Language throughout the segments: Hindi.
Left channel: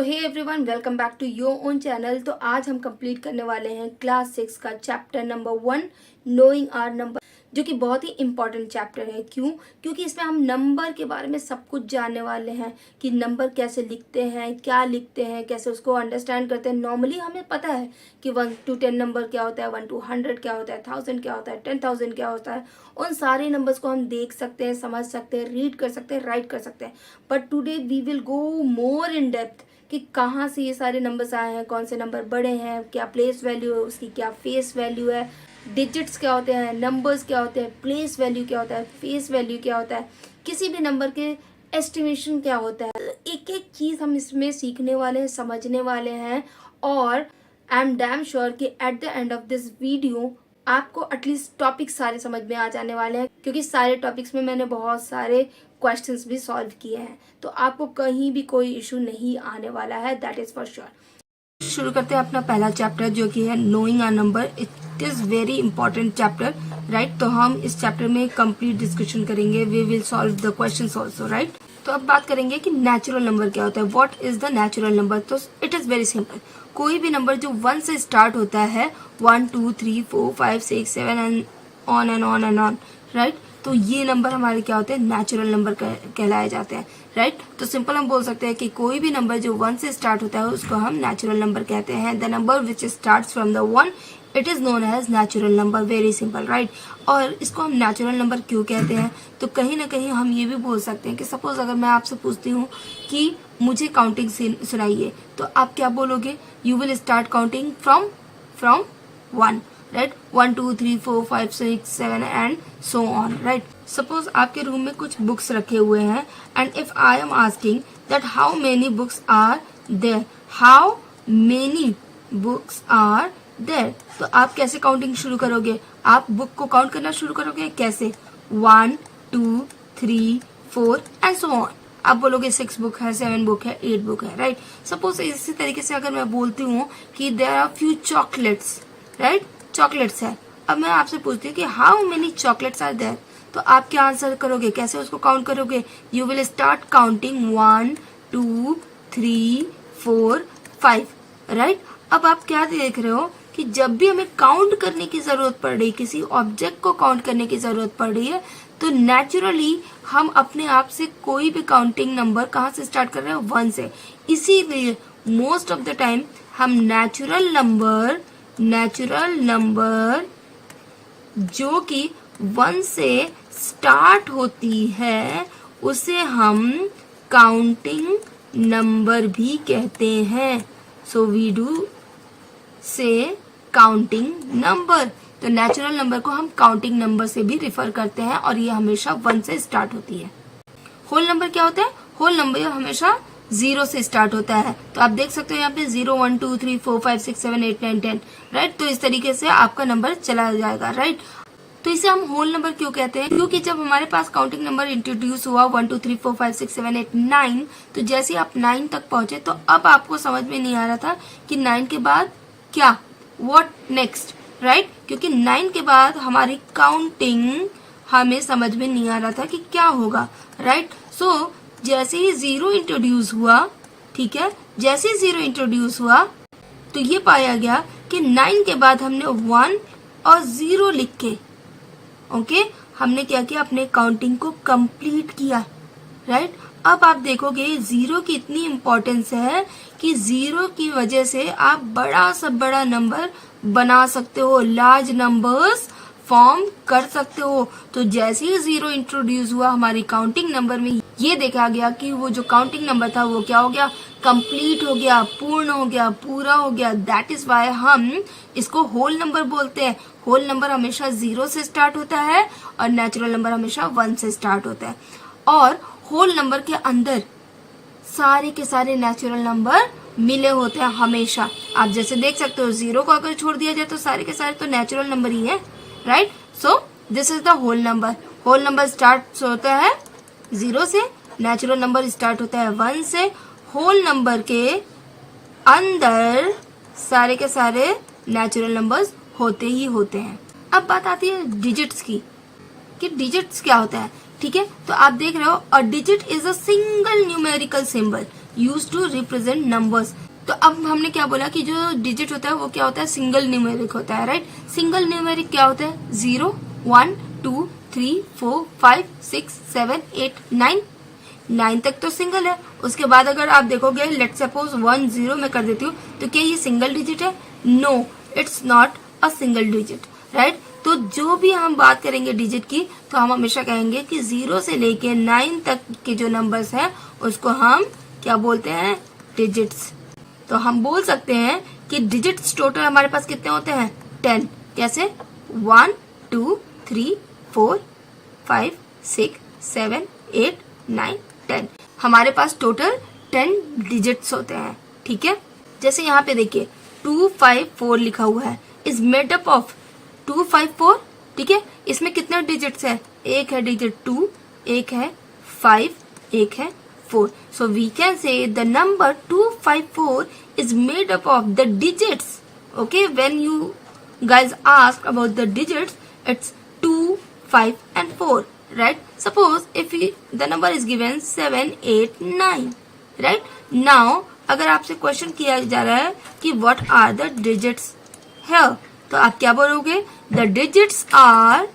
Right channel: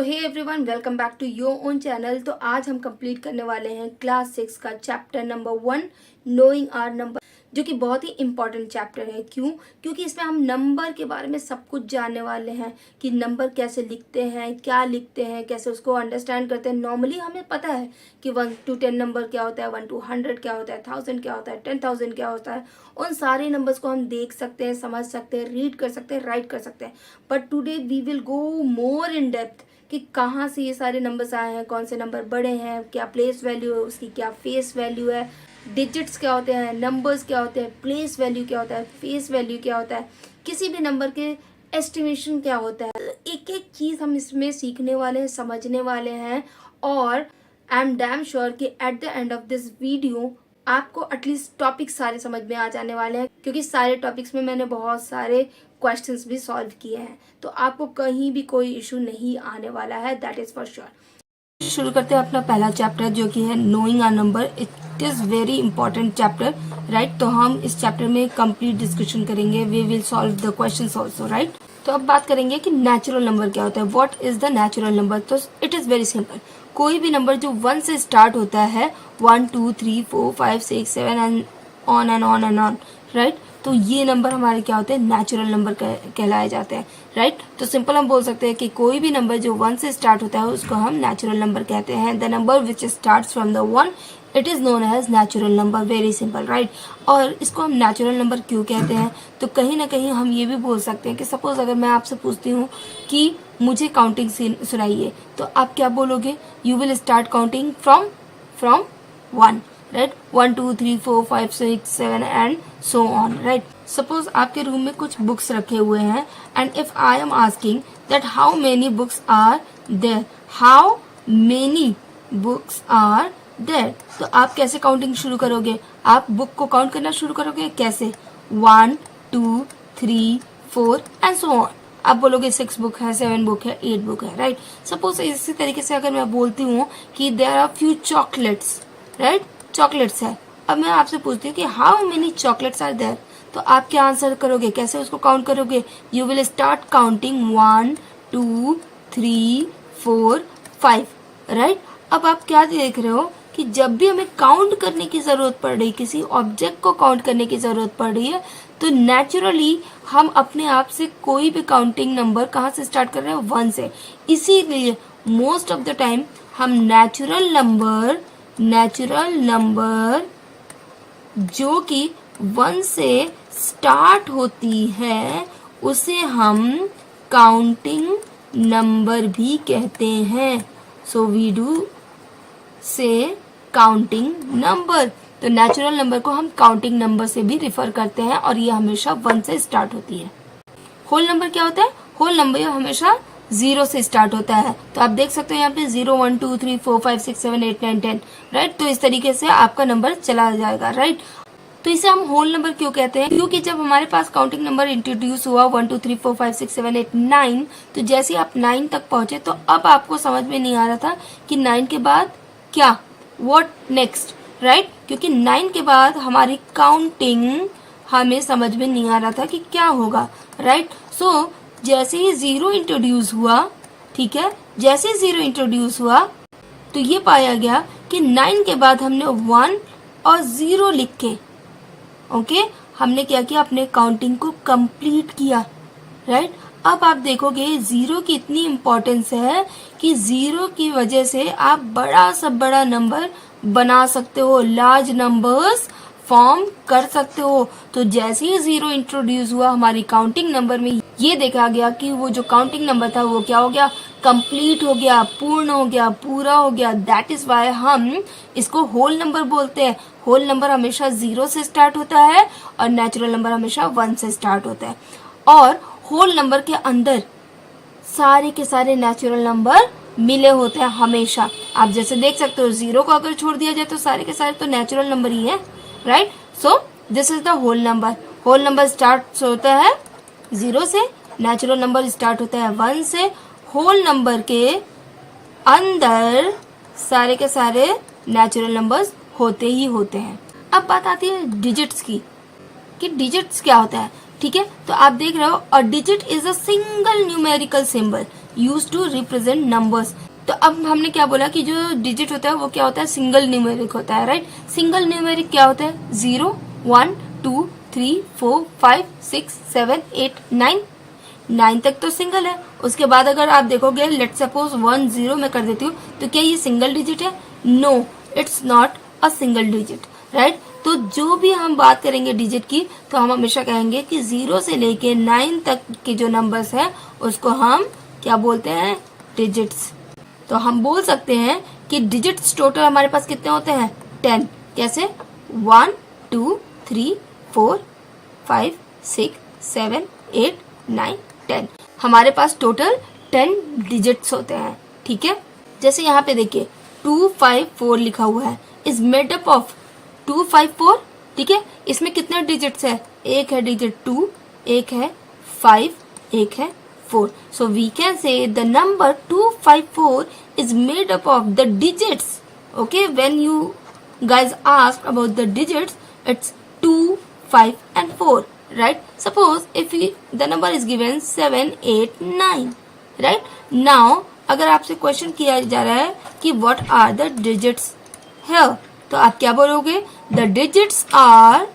So hey everyone, welcome back to your own channel. तो आज हम कंप्लीट करने वाले हैं क्लास 6 का chapter number 1 knowing our number, जो कि बहुत ही इंपॉर्टेंट चैप्टर है। क्योंकि इसमें हम नंबर के बारे में सब कुछ जानने वाले हैं कि नंबर कैसे लिखते हैं, क्या लिखते हैं, कैसे उसको अंडरस्टैंड करते हैं। नॉर्मली हमें पता है कि 1 to 10 नंबर क्या होता है, 1 to 100 क्या होता है, 1000 क्या होता है, 10,000 क्या होता है। उन सारे नंबर्स को हम देख सकते हैं, समझ सकते हैं, रीड कर सकते हैं, राइट कर सकते हैं। But today we will go more in depth कि कहाँ से ये सारे नंबर्स आए हैं, कौन से नंबर बड़े हैं, क्या प्लेस वैल्यू है उसकी, क्या फेस वैल्यू है, डिजिट्स क्या होते हैं, नंबर्स क्या होते हैं, प्लेस वैल्यू क्या होता है, फेस वैल्यू क्या होता है, किसी भी नंबर के एस्टिमेशन क्या होता है। एक एक चीज़ हम इसमें सीखने वाले हैं, समझने वाले हैं। और आई एम डैम श्योर कि at the end of this video आपको एटलीस्ट टॉपिक्स सारे समझ में आ जाने वाले हैं, क्योंकि सारे टॉपिक्स में मैंने बहुत सारे क्वेश्चंस भी सॉल्व किए हैं। तो आपको कहीं भी कोई इशू नहीं आने वाला है, दैट इज फॉर श्योर। शुरू करते हैं अपना पहला चैप्टर, जो कि है knowing our number. It is very important chapter, right. तो हम इस चैप्टर में कंप्लीट डिस्कशन करेंगे, we will solve the questions also, right. तो अब बात करेंगे कि नेचुरल नंबर क्या होता है, what is the natural number. तो इट इज वेरी सिंपल। कोई भी नंबर जो 1 से स्टार्ट होता है, 1 2 3 4 5 6 7 and on and on and on, right. तो ये नंबर हमारे क्या होते हैं, नेचुरल नंबर कहलाए जाते हैं, राइट। तो सिंपल हम बोल सकते हैं कि कोई भी नंबर जो 1 से स्टार्ट होता है उसको हम नेचुरल नंबर कहते हैं। The number which starts from the 1 it is known as natural number, very simple, right. और इसको हम नेचुरल नंबर क्यों कहते हैं, तो कहीं ना कहीं हम ये भी बोल सकते हैं कि सपोज अगर मैं आपसे पूछती हूँ कि मुझे काउंटिंग सुनाइए, तो आप क्या बोलोगे, you will start counting from 1, right. 1 2 3 4 5 6 7 and so on, right. Suppose आपके रूम में कुछ बुक्स रखे हुए हैं, and if I am asking that how many books are there, how many books are there, तो आप कैसे काउंटिंग शुरू करोगे, आप बुक को काउंट करना शुरू करोगे कैसे, 1 2 3 4 एंड सो ऑन। आप बोलोगे 6 बुक है, 7 बुक है, 8 बुक है, राइट। सपोज इसी तरीके से अगर मैं बोलती हूँ कि there are few chocolates, right, chocolates है। अब मैं आपसे पूछती हूँ कि how many chocolates are there, तो आप क्या आंसर करोगे, कैसे उसको काउंट करोगे, you will start counting 1 2 3 4 5, right. अब आप क्या देख रहे हो कि जब भी हमें काउंट करने की जरूरत पड़ रही है, किसी ऑब्जेक्ट को काउंट करने की जरूरत पड़ रही है, तो नेचुरली हम अपने आप से कोई भी काउंटिंग नंबर कहाँ से स्टार्ट कर रहे हैं, 1 से। इसीलिए मोस्ट ऑफ द टाइम हम नेचुरल नंबर जो कि 1 से स्टार्ट होती है उसे हम काउंटिंग नंबर भी कहते हैं। सो वी डू से काउंटिंग नंबर। तो नेचुरल नंबर को हम काउंटिंग नंबर से भी रिफर करते हैं, और ये हमेशा 1 से स्टार्ट होती है। होल नंबर क्या होता है, होल नंबर हमेशा 0 से स्टार्ट होता है। तो आप देख सकते हो यहाँ पे 0 1 2 3 4 5 6 7 8 9 10, राइट। तो इस तरीके से आपका नंबर चला जाएगा, राइट। तो इसे हम होल नंबर क्यों कहते हैं, क्योंकि जब हमारे पास काउंटिंग नंबर इंट्रोड्यूस हुआ 1 2 3 4 5 6 7 8 9, तो जैसे आप 9 तक पहुंचे तो अब आपको समझ में नहीं आ रहा था कि 9 के बाद क्या, व्हाट नेक्स्ट, राइट। क्योंकि 9 के बाद हमारी काउंटिंग हमें समझ में नहीं आ रहा था कि क्या होगा, राइट। सो जैसे ही 0 इंट्रोड्यूस हुआ, ठीक है, जैसे ही 0 इंट्रोड्यूस हुआ तो ये पाया गया कि 9 के बाद हमने 1 और 0 लिख के, ओके, हमने क्या किया, अपने काउंटिंग को कंप्लीट किया, राइट। अब आप देखोगे 0 की इतनी इम्पोर्टेंस है कि 0 की वजह से आप बड़ा से बड़ा नंबर बना सकते हो, लार्ज नंबर्स फॉर्म कर सकते हो। तो जैसे ही 0 इंट्रोड्यूस हुआ हमारी काउंटिंग नंबर में, ये देखा गया कि वो जो काउंटिंग नंबर था वो क्या हो गया, कंप्लीट हो गया, पूर्ण हो गया, पूरा हो गया। दैट इज वाई हम इसको होल नंबर बोलते हैं। होल नंबर हमेशा 0 से स्टार्ट होता है और नेचुरल नंबर हमेशा 1 से स्टार्ट होता है। और होल नंबर के अंदर सारे के सारे नेचुरल नंबर मिले होते हैं हमेशा। आप जैसे देख सकते हो 0 को अगर छोड़ दिया जाए तो सारे के सारे तो नेचुरल नंबर ही है, right. So this is the whole number. Whole number start होता है 0 से, नेचुरल नंबर स्टार्ट होता है 1 से। होल नंबर के अंदर सारे के सारे नेचुरल नंबर्स होते ही होते हैं। अब बात आती है डिजिट्स की, कि डिजिट्स क्या होता है, ठीक है। तो आप देख रहे हो, a digit is a single numerical symbol use to represent numbers. तो अब हमने क्या बोला कि जो डिजिट होता है वो क्या होता है, सिंगल न्यूमेरिक होता है, राइट। सिंगल न्यूमेरिक क्या होता है, 0 1 2 3 4 5 6 7 8 9, 9 तक तो सिंगल है। उसके बाद अगर आप देखोगे, लेट सपोज 1 0 मैं कर देती हूँ, तो क्या ये सिंगल डिजिट है, no, it's not a single digit, right. तो जो भी हम बात करेंगे डिजिट की, तो हम हमेशा कहेंगे कि 0 से लेके 9 तक के जो नंबर्स हैं उसको हम क्या बोलते हैं, डिजिट्स। तो हम बोल सकते हैं कि डिजिट्स टोटल हमारे पास कितने होते हैं, 10। कैसे, 1 2 3 4 5 6 7 8 9 10, हमारे पास टोटल 10 डिजिट्स होते हैं, ठीक है। जैसे यहाँ पे देखिए 254 लिखा हुआ है, इज मेड अप ऑफ 254, ठीक है। इसमें कितने डिजिट्स है, एक है डिजिट 2, एक है 5, एक है 4। So we can say the number 254 is made up of the digits. Okay, when you guys ask about the digits, it's 2, 5 and 4, right? Suppose if the number is given 7, 8, 9, right? Now अगर आपसे क्वेश्चन किया जा रहा है कि what are the digits here, तो आप क्या बोलोगे, the digits are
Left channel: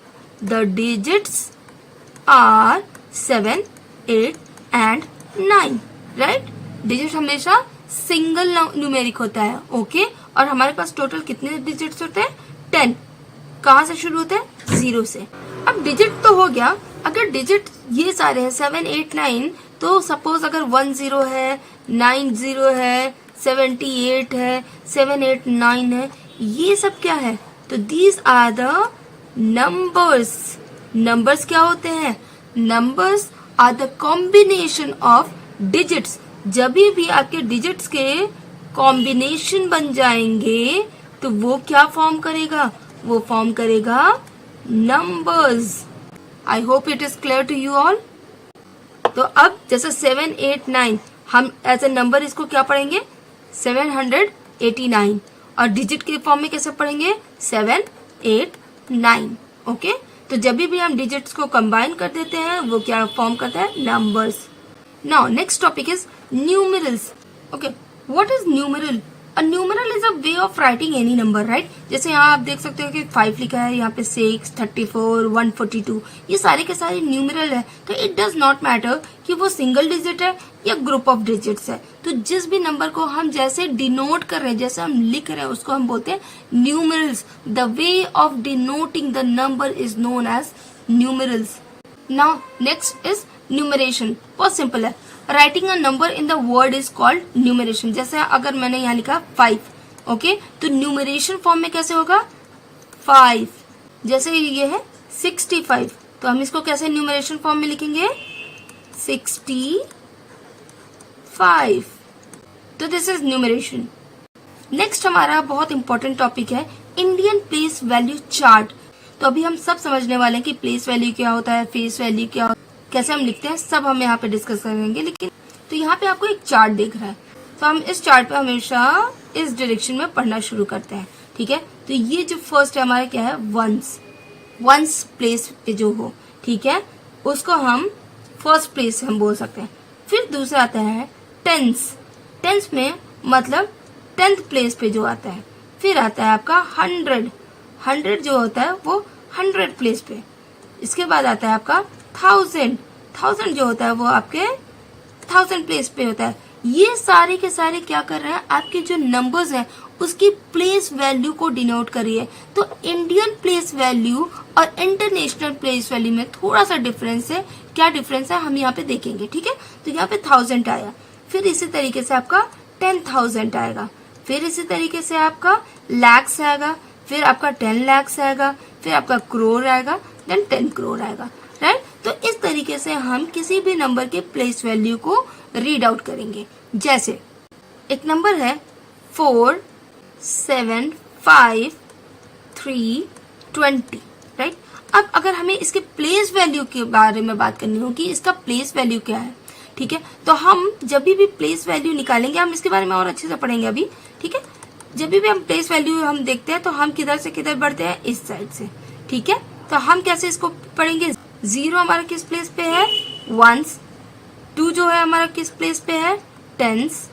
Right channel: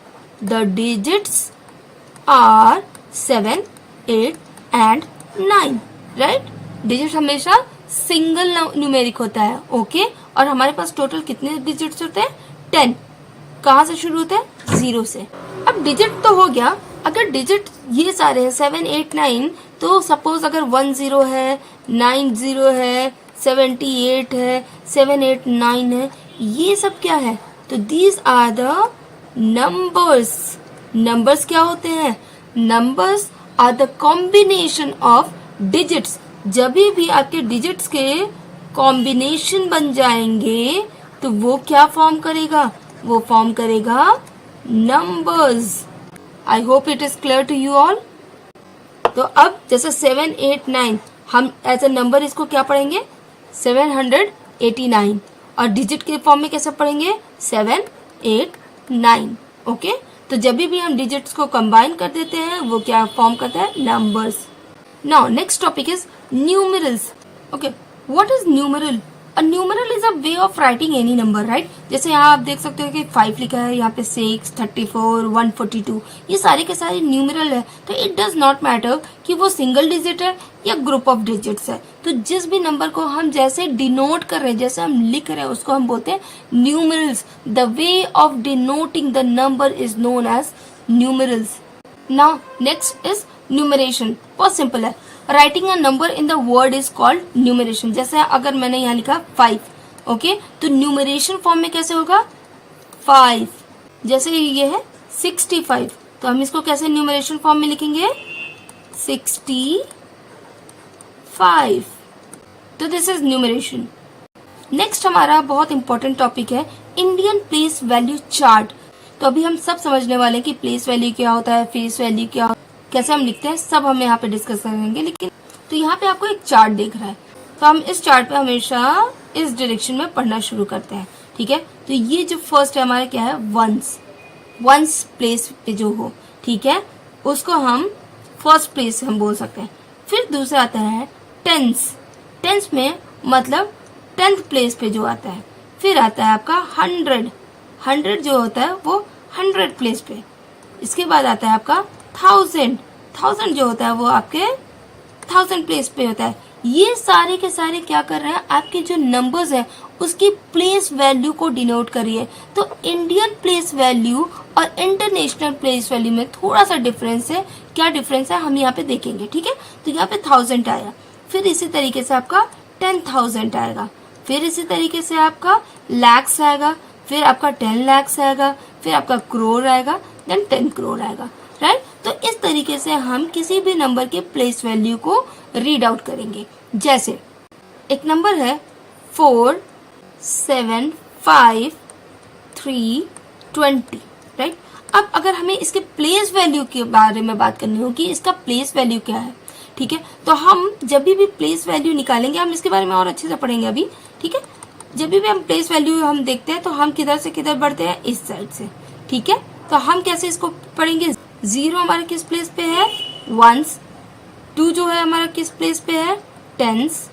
7, 8 and 9, right. Digit हमेशा सिंगल न्यूमेरिक होता है, ओके। और हमारे पास टोटल कितने डिजिट्स होते हैं, 10। कहाँ से शुरू होता है, 0 से। अब डिजिट तो हो गया, अगर डिजिट ये सारे हैं 7, 8, 9, तो सपोज अगर 1 0 है, 9 0 है, 78 है, 7 8 9 है, ये सब क्या है, तो these are the numbers. Numbers क्या होते हैं, numbers are the combination of digits. जब भी आपके डिजिट्स के कॉम्बिनेशन बन जाएंगे तो वो क्या फॉर्म करेगा, वो फॉर्म करेगा numbers. I hope it is clear to you all. तो अब जैसे 7 8 9 हम एज ए नंबर इसको क्या पढ़ेंगे, 789, और डिजिट के फॉर्म में कैसे पढ़ेंगे, 7 8 9, ओके। तो जब भी हम डिजिट्स को कंबाइन कर देते हैं वो क्या फॉर्म करता है, numbers. Now next topic is numerals. Okay, what is numeral, a numeral is a way of writing any number, right. जैसे यहाँ आप देख सकते हो कि 5 लिखा है, यहाँ पे 6, 34, 142, ये सारे के सारे न्यूमेरल है। तो इट डज नॉट मैटर कि वो सिंगल डिजिट है या ग्रुप ऑफ डिजिट्स है। तो जिस भी नंबर को हम जैसे डिनोट कर रहे हैं, जैसे हम लिख रहे हैं, उसको हम बोलते हैं numerals. The way of denoting the number is known as numerals. Now next is numeration, बहुत सिंपल है। Writing a number in the word is called numeration. जैसे अगर मैंने यहाँ लिखा 5, ओके, तो न्यूमरेशन फॉर्म में कैसे होगा, 5। जैसे ये है 65, तो हम इसको कैसे न्यूमरेशन फॉर्म में लिखेंगे, 65। तो दिस इज न्यूमरेशन। नेक्स्ट हमारा बहुत इंपॉर्टेंट टॉपिक है इंडियन प्लेस वैल्यू चार्ट। तो अभी हम सब समझने वाले हैं कि प्लेस वैल्यू क्या होता है, फेस वैल्यू क्या होता है, कैसे हम लिखते हैं, सब हम यहाँ पे डिस्कस करेंगे। लेकिन तो यहाँ पे आपको एक चार्ट दिख रहा है, तो हम इस चार्ट पे हमेशा इस डायरेक्शन में पढ़ना शुरू करते हैं, ठीक है। तो ये जो फर्स्ट है हमारा क्या है, वंस प्लेस पे जो हो, ठीक है, उसको हम फर्स्ट प्लेस हम बोल सकते हैं। फिर दूसरा आता है टेंस। टेंस में मतलब 10th प्लेस पे जो आता है। फिर आता है आपका 100 जो होता है वो 100 प्लेस पे। इसके बाद आता है आपका 1000 जो होता है वो आपके 1000 प्लेस पे होता है। ये सारे के सारे क्या कर रहे हैं, आपके जो नंबर्स है उसकी प्लेस वैल्यू को डिनोट करिए। तो इंडियन प्लेस वैल्यू और इंटरनेशनल प्लेस वैल्यू में थोड़ा सा डिफरेंस है। क्या डिफरेंस है हम यहाँ पे देखेंगे, ठीक है। तो यहाँ पे 1000 आया, फिर इसी तरीके से आपका 10,000 आएगा, फिर इसी तरीके से आपका लैक्स आएगा, फिर आपका 10 lakhs आएगा, फिर आपका करोड़ आएगा, देन 10 करोड़ आएगा, राइट। तो इस तरीके से हम किसी भी नंबर के प्लेस वैल्यू को रीड आउट करेंगे। जैसे एक नंबर है 475,320, राइट। अब अगर हमें इसके प्लेस वैल्यू के बारे में बात करनी होगी, इसका प्लेस वैल्यू क्या है, ठीक है। तो हम जब भी प्लेस वैल्यू निकालेंगे, हम इसके बारे में और अच्छे से पढ़ेंगे अभी, ठीक है। जब भी हम प्लेस वैल्यू हम देखते हैं तो हम किधर से किधर बढ़ते हैं, इस साइड से, ठीक है। तो हम कैसे इसको पढ़ेंगे, 0 हमारा किस प्लेस पे है, 1, 2 जो है हमारा किस प्लेस पे है, टेंस,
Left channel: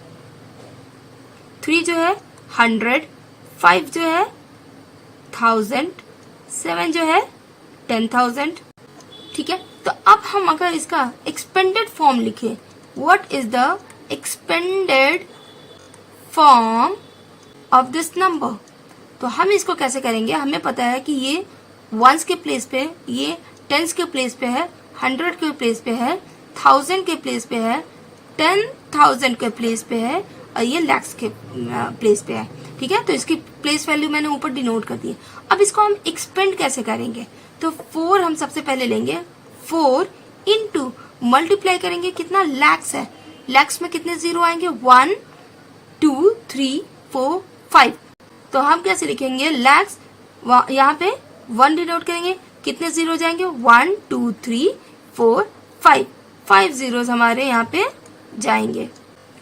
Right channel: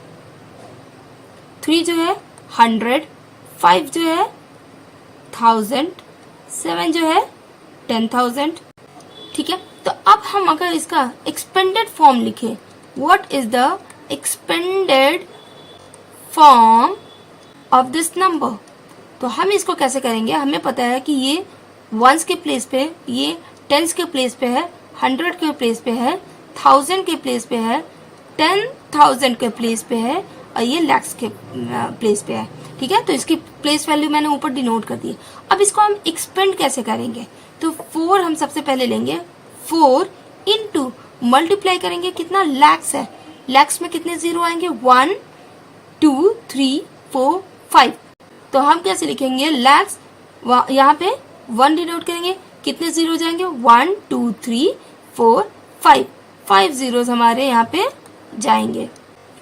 3 जो है 100, 5 जो है 1000, 7 जो है 10,000। ठीक है, तो अब हम अगर इसका एक्सपेंडेड फॉर्म लिखें, what is the expanded form of this number, तो हम इसको कैसे करेंगे, हमें पता है कि ये वंस के प्लेस पे, ये टेंस के प्लेस पे है, 100 के प्लेस पे है, 1000 के प्लेस पे है, 10,000 के प्लेस पे है, और ये लैक्स के प्लेस पे है। ठीक है, तो इसकी प्लेस वैल्यू मैंने ऊपर डिनोट कर दी है। अब इसको हम एक्सपेंड कैसे करेंगे, तो 4 हम सबसे पहले लेंगे, 4 इंटू मल्टीप्लाई करेंगे, कितना लैक्स है, लैक्स में कितने जीरो आएंगे, 1 2 3 4 5, तो हम कैसे लिखेंगे, लैक्स यहाँ पे 1 डिनोट करेंगे, कितने जीरो जाएंगे, 1 2 3 4 5, 5 जीरोस हमारे यहाँ पे जाएंगे।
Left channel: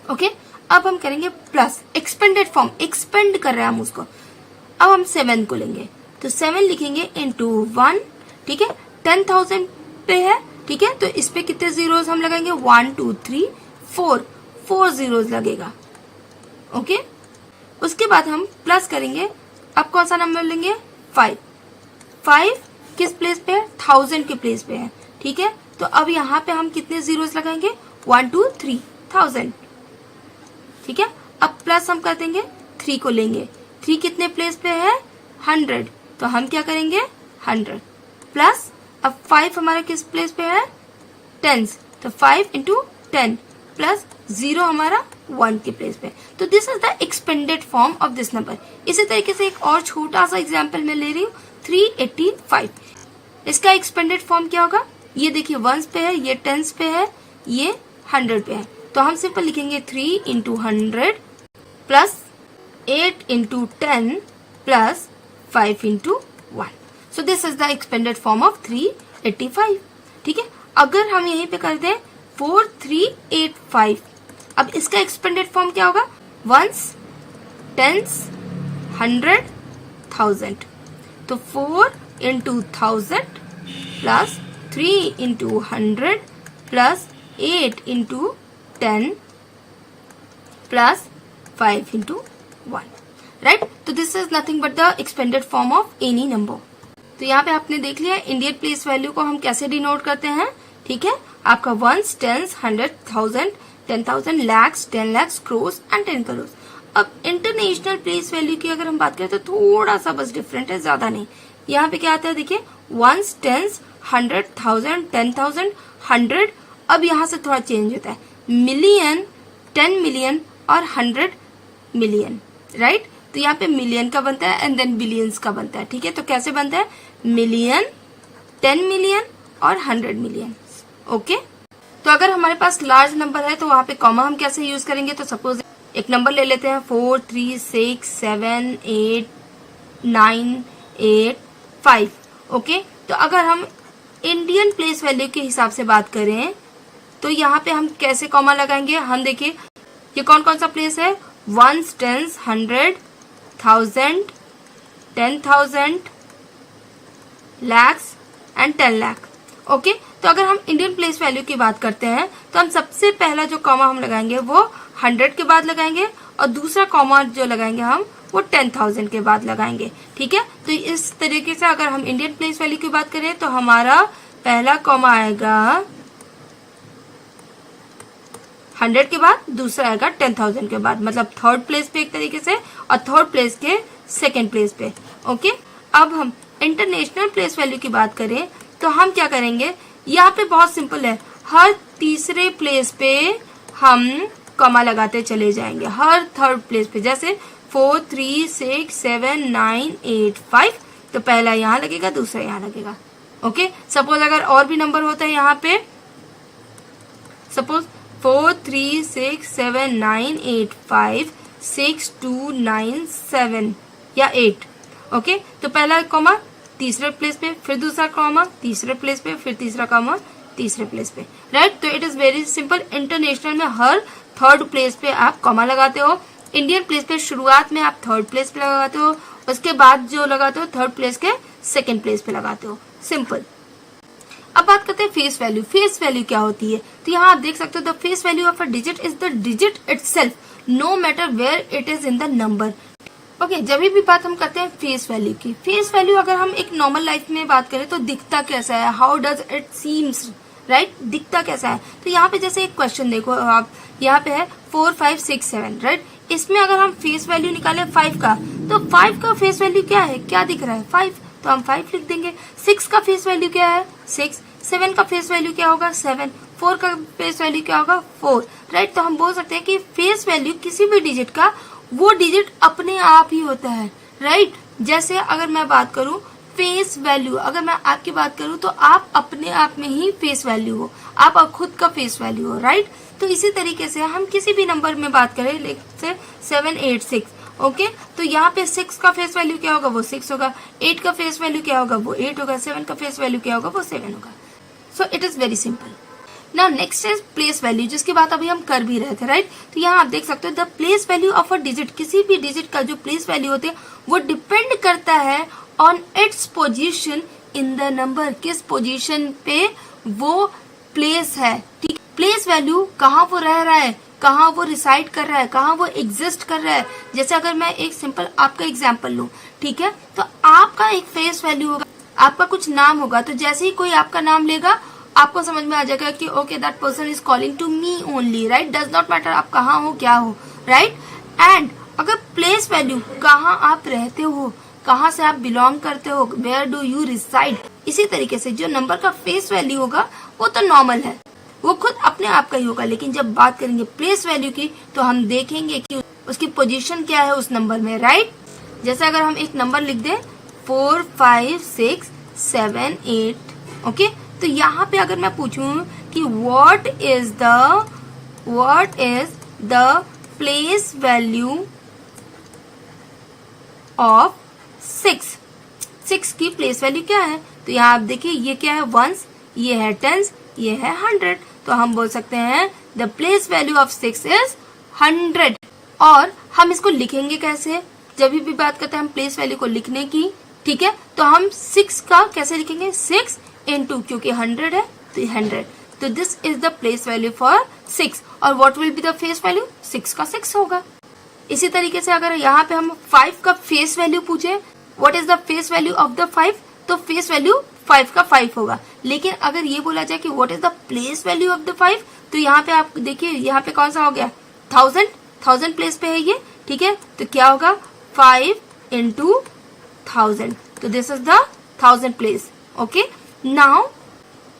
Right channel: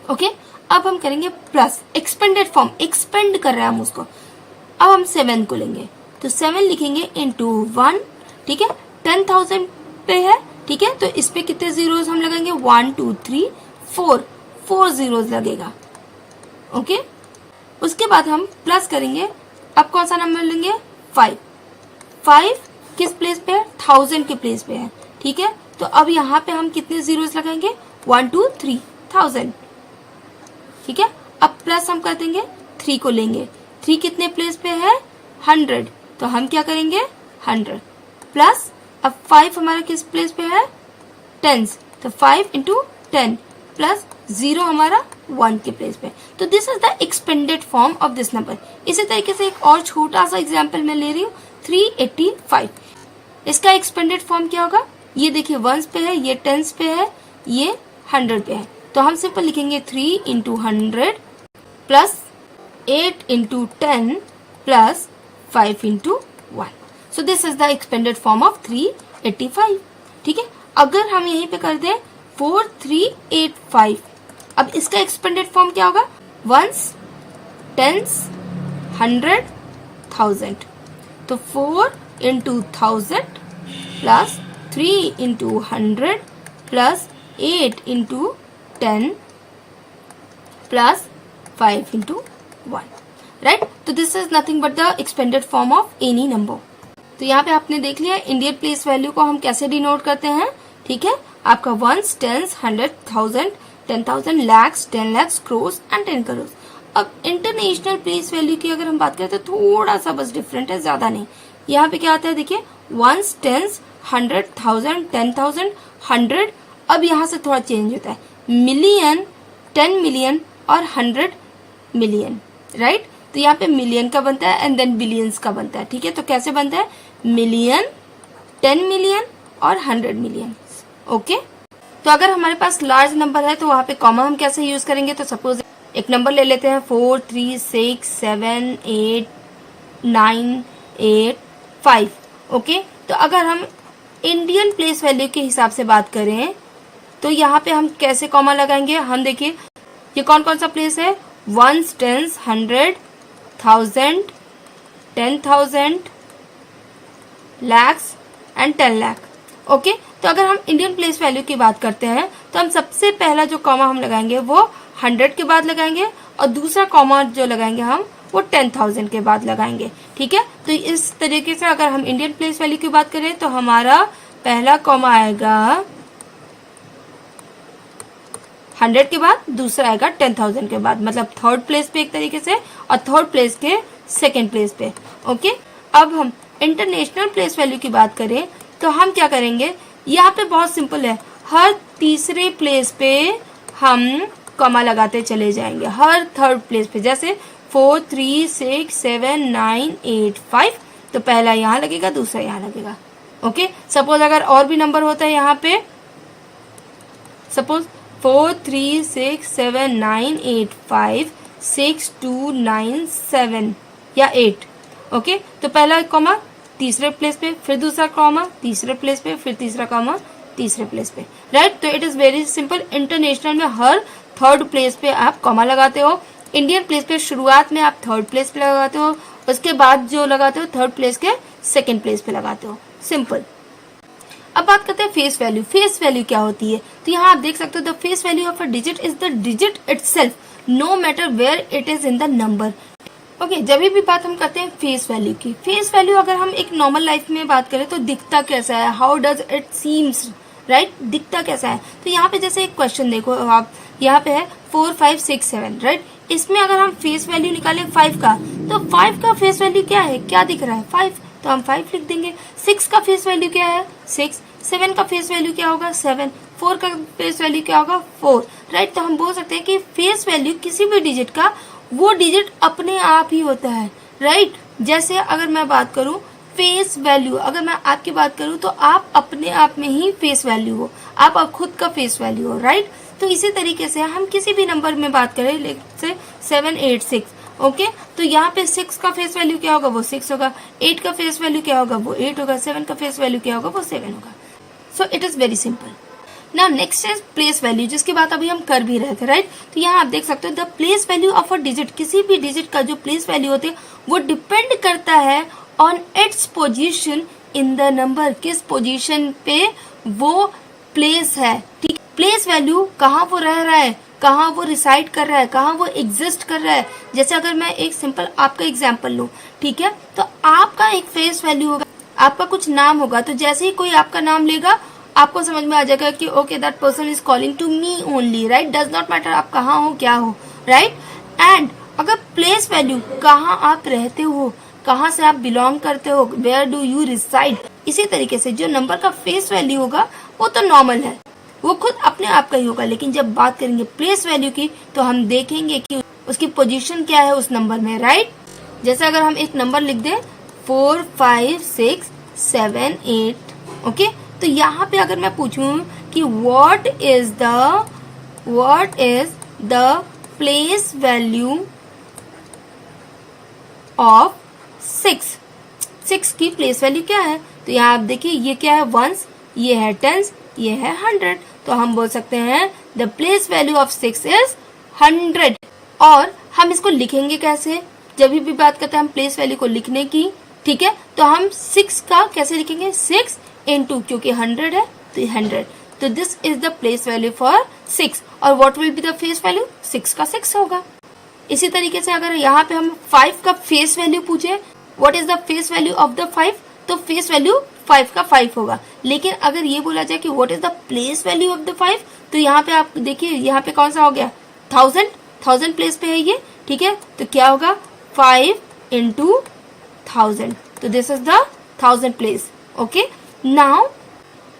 ओके, अब हम करेंगे प्लस, एक्सपेंडेड फॉर्म, एक्सपेंड कर रहे हैं हम उसको। अब हम 7 को लेंगे, तो 7 लिखेंगे इंटू 1। ठीक है, 10,000 पे है। ठीक है, तो इस पे कितने जीरोस हम लगाएंगे, 1 2 3 4, 4 जीरोस लगेगा। ओके, उसके बाद हम प्लस करेंगे, अब कौन सा नंबर लेंगे, 5, 5 किस प्लेस पे है, 1000 के प्लेस पे है। ठीक है, तो अब यहाँ पे हम कितने जीरोस लगाएंगे, 1 2 3 1000। ठीक है, अब प्लस हम कर देंगे, 3 को लेंगे, 3 कितने प्लेस पे है, 100, तो हम क्या करेंगे, 100 प्लस, अब 5 हमारा किस प्लेस पे है, टेंस, तो 5 इंटू 10 प्लस 0 हमारा 1 के प्लेस पे। तो this is the expanded form of this number. इसी तरीके से एक और छोटा सा एग्जाम्पल मैं ले रही हूँ, 385। इसका एक्सपेंडेड फॉर्म क्या होगा, ये देखिए वंस पे है, ये टेंस पे है, ये 100 पे है, तो हम सिंपल लिखेंगे 3 into 100 plus 8 into 10 plus 5 into 1। So this is the expanded form of 385। ठीक है, अगर हम यहीं पे कर दें 4385, अब इसका एक्सपेंडेड फॉर्म क्या होगा, वंस, टेंस, 100, 1000, तो 4 into 1000 plus 3 into 100 plus 8 into 10 plus 5 into 1, right. तो this is nothing but the expanded form of any number. तो यहाँ पे आपने देख लिया इंडियन प्लेस वैल्यू को हम कैसे डिनोट करते हैं। ठीक है, आपका ones, tens, 100, 1000, 10,000, lakhs, 10 lakhs, crores and 10 crore. अब इंटरनेशनल प्लेस वैल्यू की अगर हम बात करें तो थोड़ा सा बस डिफरेंट है, ज्यादा नहीं। यहाँ पे क्या आता है, देखिए वंस, टेंस, 100, 1000, 10,000, 100, अब यहाँ से थोड़ा चेंज होता है, मिलियन, 10 मिलियन और 100 मिलियन, राइट। तो यहाँ पे मिलियन का बनता है एंड देन बिलियंस का बनता है। ठीक है, तो कैसे बनता है, मिलियन, 10 मिलियन और 100 मिलियन। ओके, तो अगर हमारे पास लार्ज नंबर है तो वहां पे कॉमा हम कैसे यूज करेंगे, तो सपोज एक नंबर ले लेते हैं 4 3 6 7 8 9 8 5। ओके, तो अगर हम इंडियन प्लेस वैल्यू के हिसाब से बात करें तो यहाँ पे हम कैसे कॉमा लगाएंगे, हम देखिए ये कौन कौन सा प्लेस है, ones, tens, 100, 1000, 10,000, lakhs and 10 lakh. Okay, तो अगर हम इंडियन प्लेस वैल्यू की बात करते हैं तो हम सबसे पहला जो कॉमा हम लगाएंगे वो 100 के बाद लगाएंगे और दूसरा कॉमा जो लगाएंगे हम वो 10,000 के बाद लगाएंगे। ठीक है, तो इस तरीके से अगर हम इंडियन प्लेस वैल्यू की बात करें तो हमारा पहला कॉमा आएगा 100 के बाद, दूसरा आएगा 10,000 के बाद, मतलब थर्ड प्लेस पे एक तरीके से और थर्ड प्लेस के सेकेंड प्लेस पे। ओके, अब हम इंटरनेशनल प्लेस वैल्यू की बात करें तो हम क्या करेंगे, यहाँ पे बहुत सिंपल है, हर तीसरे प्लेस पे हम कॉमा लगाते चले जाएंगे, हर थर्ड प्लेस पे, जैसे 4 3 6 7 9 8 5, तो पहला यहाँ लगेगा, दूसरा यहाँ लगेगा। ओके, सपोज अगर और भी नंबर होता है यहाँ पे, सपोज 4 3 6 7 9 8 5 6 2 9 7 या 8। ओके, तो पहला कॉमा तीसरे प्लेस पे, फिर दूसरा कॉमा तीसरे प्लेस पे, फिर तीसरा कॉमा तीसरे प्लेस पे, राइट। तो it is very simple, international में हर थर्ड प्लेस पे आप कॉमा लगाते हो, इंडियन प्लेस पे शुरुआत में आप थर्ड प्लेस पे लगाते हो, उसके बाद जो लगाते हो थर्ड प्लेस के सेकेंड प्लेस पे लगाते हो, सिंपल। अब बात करते हैं फेस वैल्यू। फेस वैल्यू क्या होती है? तो यहाँ आप देख सकते हो the face value of a digit is the digit itself no matter where it is in the number. Okay, जब भी बात हम करते हैं फेस वैल्यू की, फेस वैल्यू अगर हम एक नॉर्मल लाइफ में बात करें तो दिखता कैसा है, how does it seems, right, दिखता कैसा है। तो यहाँ पे जैसे एक क्वेश्चन देखो आप, यहाँ पे है 4 5 6 7, राइट। इसमें अगर हम फेस वैल्यू निकालें 5 का, तो 5 का फेस वैल्यू क्या है, क्या दिख रहा है, 5, तो हम 5 लिख देंगे। 6 का फेस वैल्यू क्या है, 6। 7 का फेस वैल्यू क्या होगा, 7। 4 का फेस वैल्यू क्या होगा, 4, राइट। तो हम बोल सकते हैं कि फेस वैल्यू किसी भी डिजिट का वो डिजिट अपने आप ही होता है, राइट। जैसे अगर मैं बात करूं फेस वैल्यू, अगर मैं आपकी बात करूं तो आप अपने आप में ही फेस वैल्यू हो, आप खुद का फेस वैल्यू हो, राइट। तो इसी तरीके से हम किसी भी नंबर में बात करें, जैसे 7 8 6, ओके, तो यहाँ पे 6 का फेस वैल्यू क्या होगा, वो 6 होगा। 8 का फेस वैल्यू क्या होगा, वो 8 होगा। 7 का फेस वैल्यू क्या होगा, वो 7 होगा। So it is very simple. Now next is place value, जिसकी बात अभी हम कर भी रहे थे, राइट। तो यहाँ आप देख सकते हो the place value of a digit, किसी भी डिजिट का जो प्लेस वैल्यू होते हैं वो डिपेंड करता है on its position in the number, किस पोजीशन पे वो प्लेस है, ठीक। प्लेस वैल्यू कहाँ वो रह रहा है, कहाँ वो रिसाइड कर रहा है, कहाँ वो एग्जिस्ट कर रहा है। जैसे अगर मैं एक सिंपल आपका एग्जाम्पल लूं, ठीक है, तो आपका एक फेस वैल्यू होगा, आपका कुछ नाम होगा, तो जैसे ही कोई आपका नाम लेगा आपको समझ में आ जाएगा कि okay that person is calling to me only, right. Does not matter आप कहाँ हो, क्या हो, राइट। एंड अगर प्लेस वैल्यू, कहाँ आप रहते हो, कहाँ से आप बिलोंग करते हो, वेयर डू यू रिसाइड, इसी तरीके से जो नंबर का फेस वैल्यू होगा वो तो नॉर्मल है, वो खुद अपने आप का ही होगा। लेकिन जब बात करेंगे प्लेस वैल्यू की तो हम देखेंगे कि उसकी पोजीशन क्या है उस नंबर में, राइट। जैसे अगर हम एक नंबर लिख दें 4 5 6 7 8, ओके, तो यहाँ पे अगर मैं पूछूं कि what is the place value of 6 की प्लेस वैल्यू क्या है, तो यहाँ आप देखिए ये क्या है, वंस, ये है टेंस, ये है 100, तो हम बोल सकते हैं the place value of 6 is 100। और हम इसको लिखेंगे कैसे, जब भी बात करते हैं हम प्लेस वैल्यू को लिखने की, ठीक है, तो हम 6 का कैसे लिखेंगे, 6 into, क्योंकि 100 है तो 100, तो this is the place value for 6। और what will be the face value, 6 का 6 होगा। इसी तरीके से अगर यहाँ पे हम 5 का फेस वैल्यू पूछे, what is the face value of the 5, तो फेस वैल्यू 5 का 5 होगा। लेकिन अगर ये बोला जाए कि what is the place value of the 5, तो यहाँ पे आप देखिए यहाँ पे कौन सा हो गया, 1000 प्लेस पे है ये, ठीक है, तो क्या होगा 5 into 1000, तो this is the 1000 place, okay. Now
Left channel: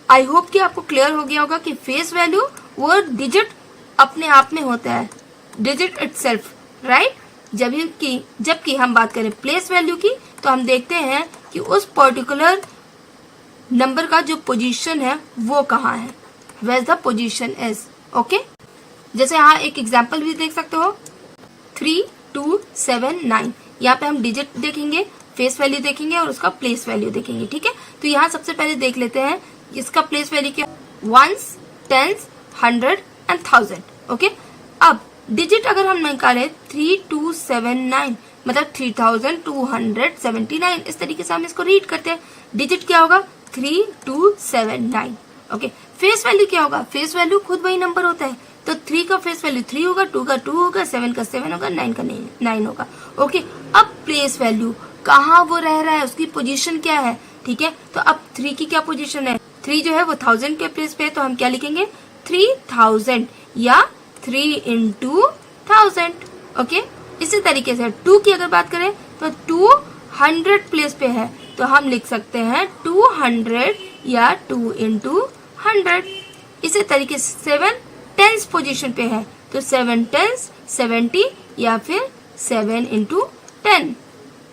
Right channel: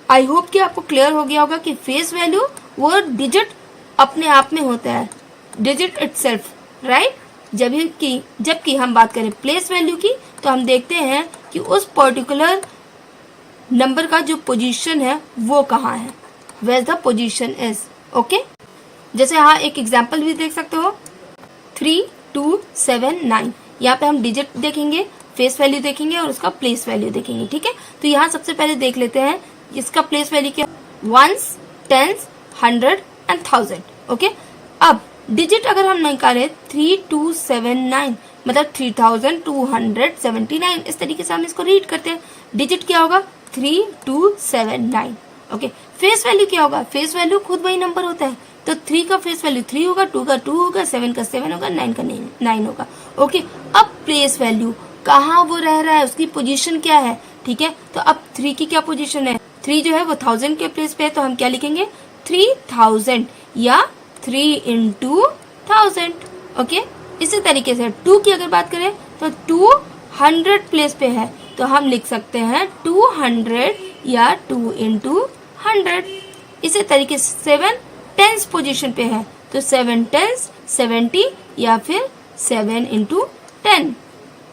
I hope कि आपको क्लियर हो गया होगा कि फेस वैल्यू वो डिजिट अपने आप में होता है, डिजिट इटसेल्फ, राइट। जबकि हम बात करें प्लेस वैल्यू की तो हम देखते हैं कि उस पर्टिकुलर नंबर का जो पोजीशन है वो कहाँ है, where the position is, okay. जैसे यहाँ एक एग्जांपल भी देख सकते हो 3 2 7 9, यहाँ पे हम डिजिट देखेंगे, फेस वैल्यू देखेंगे और उसका प्लेस वैल्यू देखेंगे, ठीक है। तो यहाँ सबसे पहले देख लेते हैं इसका प्लेस वैल्यू क्या, वंस, टेंस, 100 एंड 1000, ओके। अब डिजिट अगर हम निकाले 3279, मतलब 3279, इस तरीके से हम इसको रीड करते हैं। डिजिट क्या होगा, 3279, ओके। फेस वैल्यू क्या होगा, फेस वैल्यू खुद वही नंबर होता है, तो 3 का फेस वैल्यू 3 होगा, 2 का 2 होगा, 7 का 7 होगा, 9 का 9 होगा, ओके। अब प्लेस वैल्यू कहाँ वो रह रहा है, उसकी पोजीशन क्या है, ठीक है। तो अब 3 की क्या पोजीशन है, 3 जो है वो 1000 के प्लेस पे है, तो हम क्या लिखेंगे 3000 या 3 into 1000, ओके। इसी तरीके से 2 की अगर बात करें तो 200 प्लेस पे है, तो हम लिख सकते हैं 200 या 2 into 100। इसी तरीके से 7 टेंस पोजीशन पे है, तो 7 टेंस 70 या फिर 7 into 10।